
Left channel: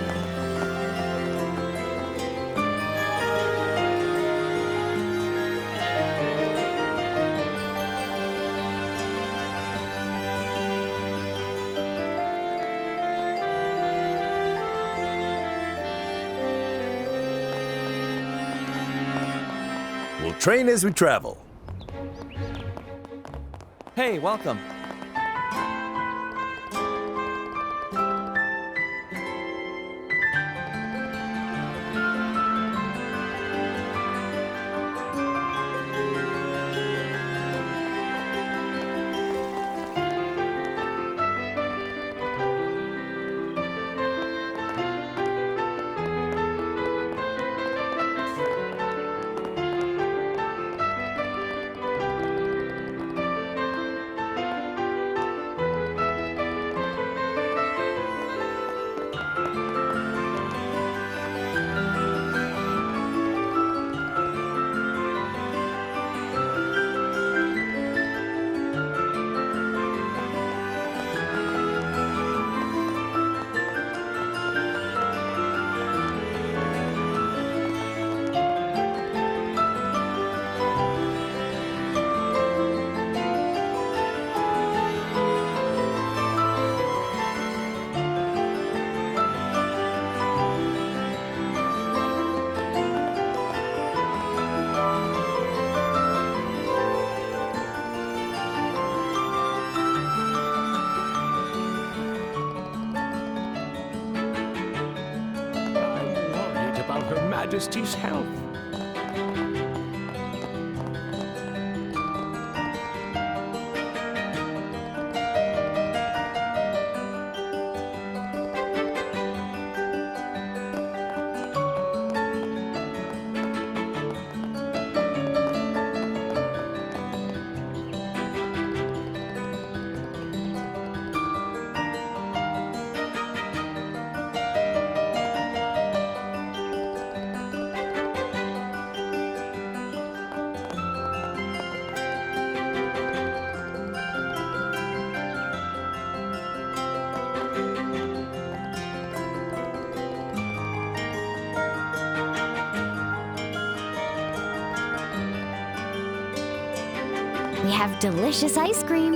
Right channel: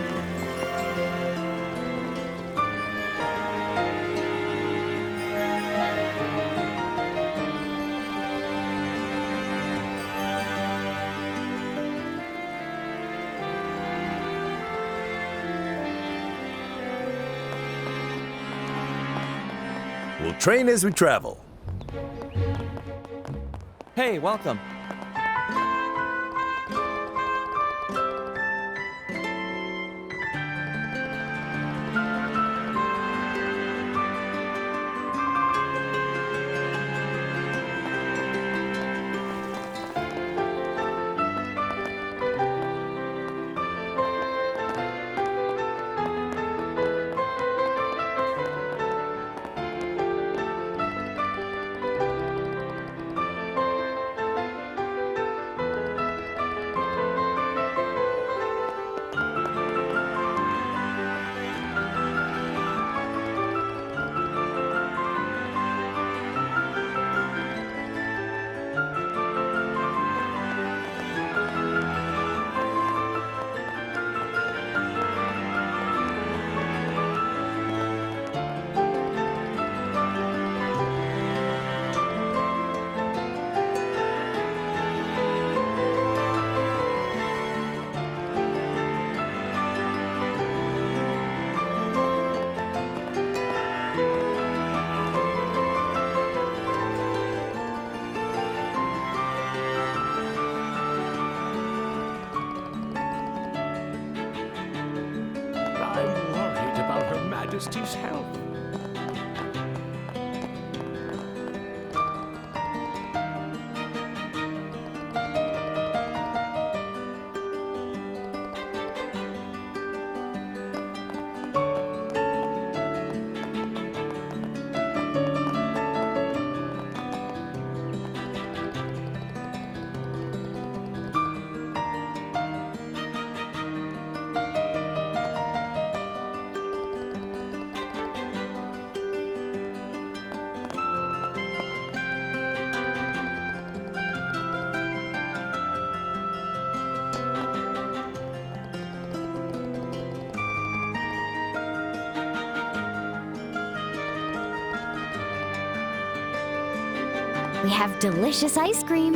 We'll train as we travel. Hey, welcome. I'm worried about Her Majesty's health. We have delicious ice cream.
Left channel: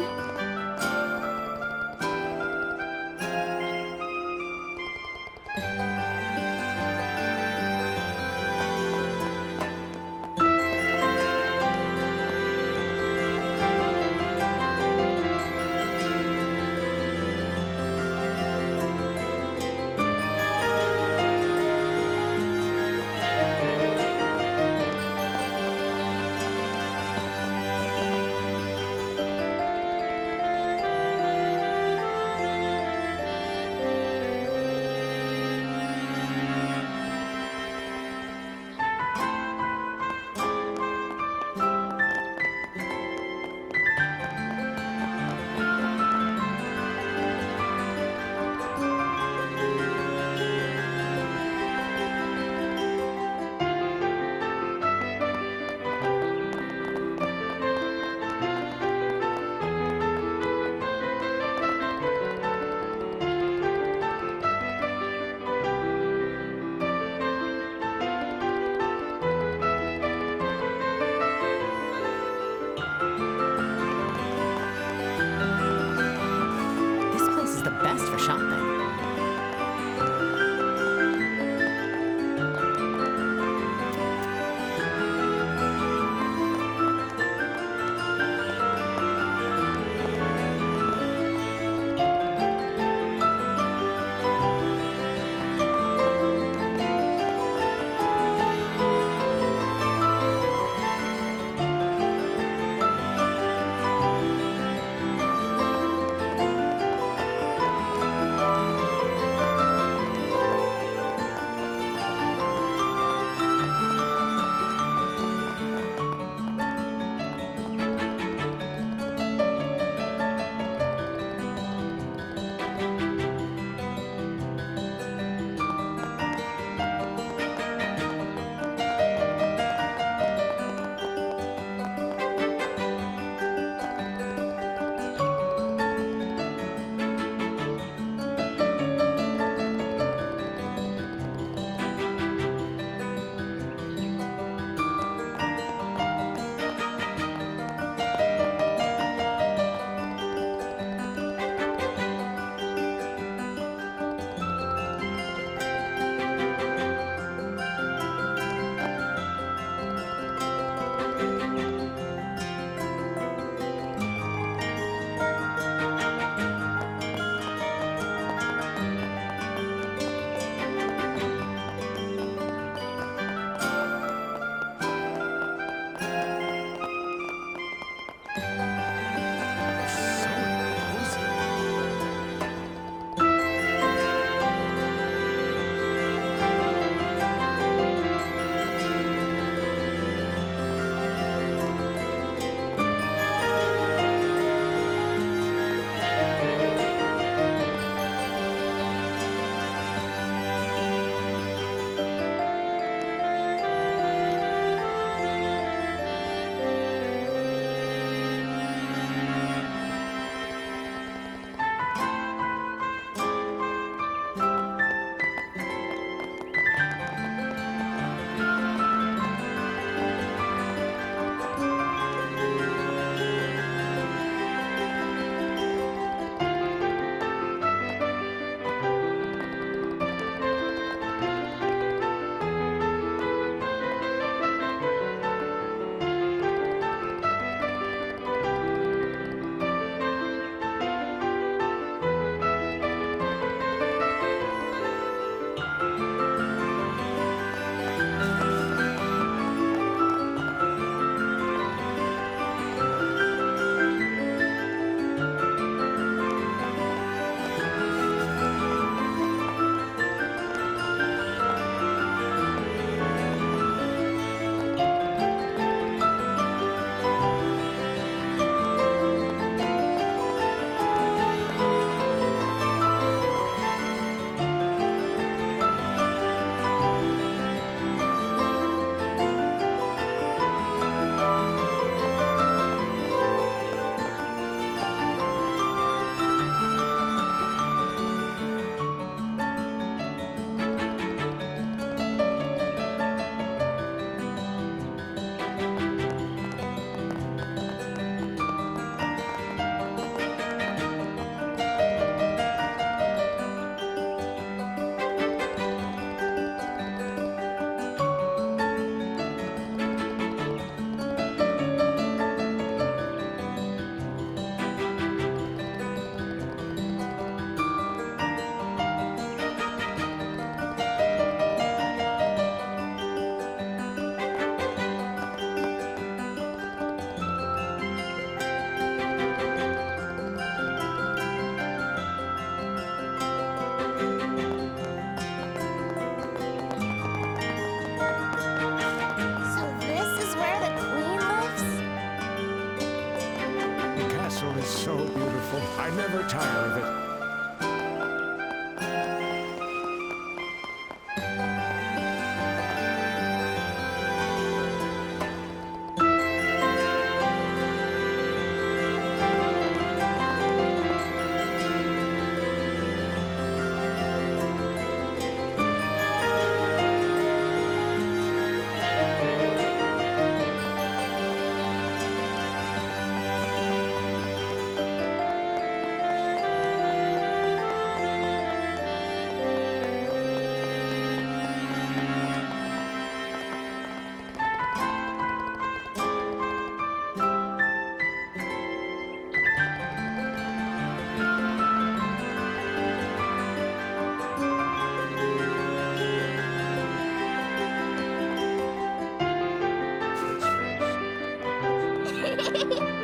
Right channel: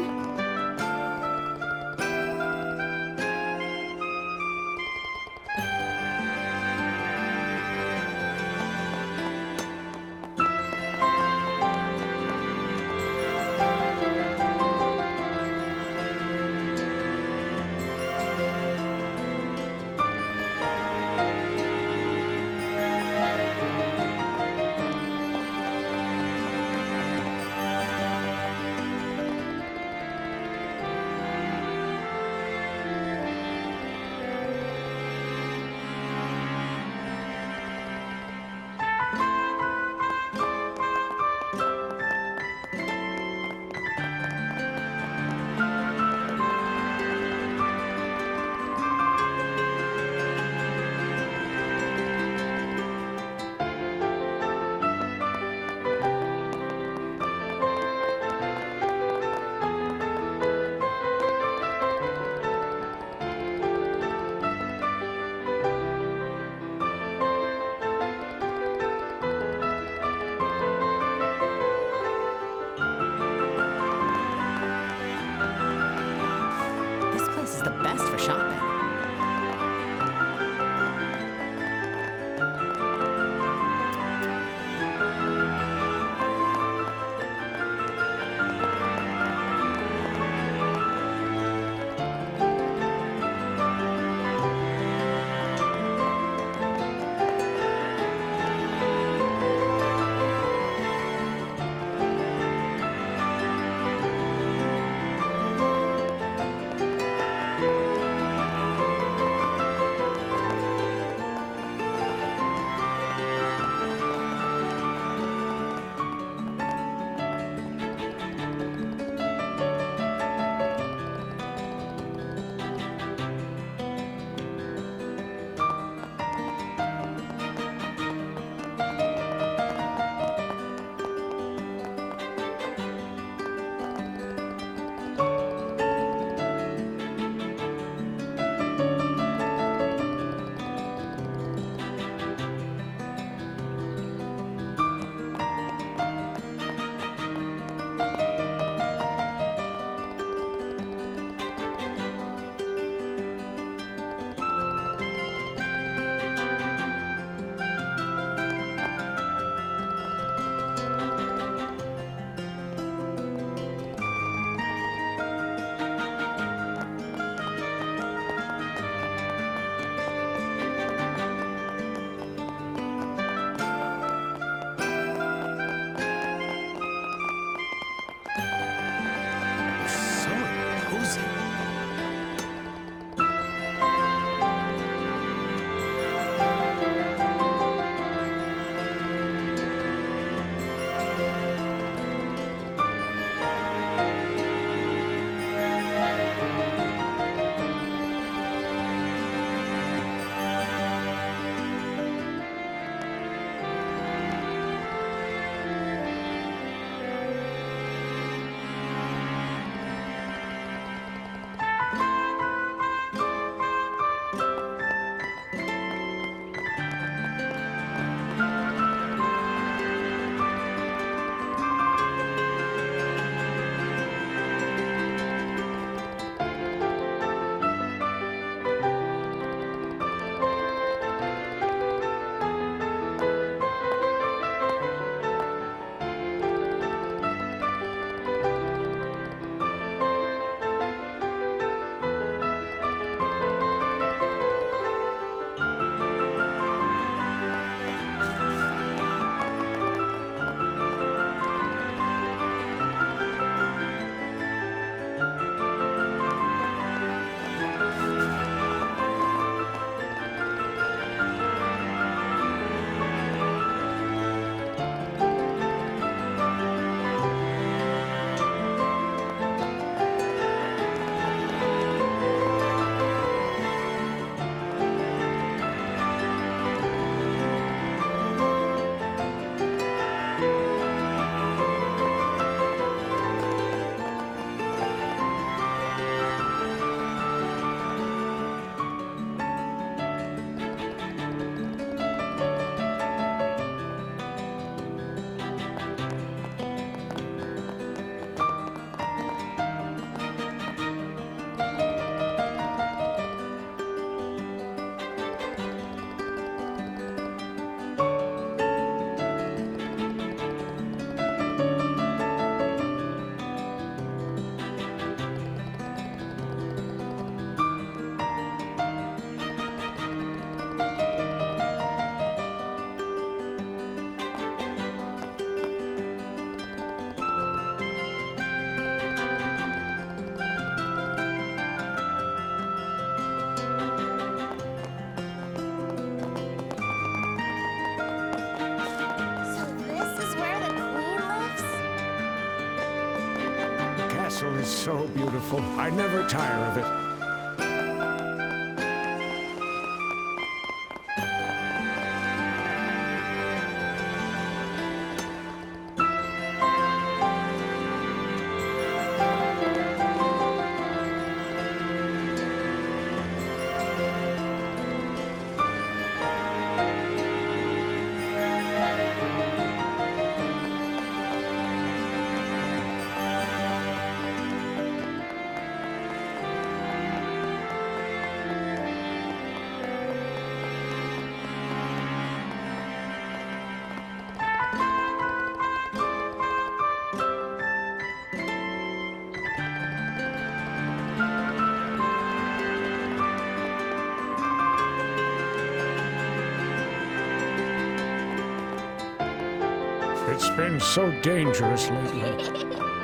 castle is so beautiful. I never tire of it. It's been so dangerous lately.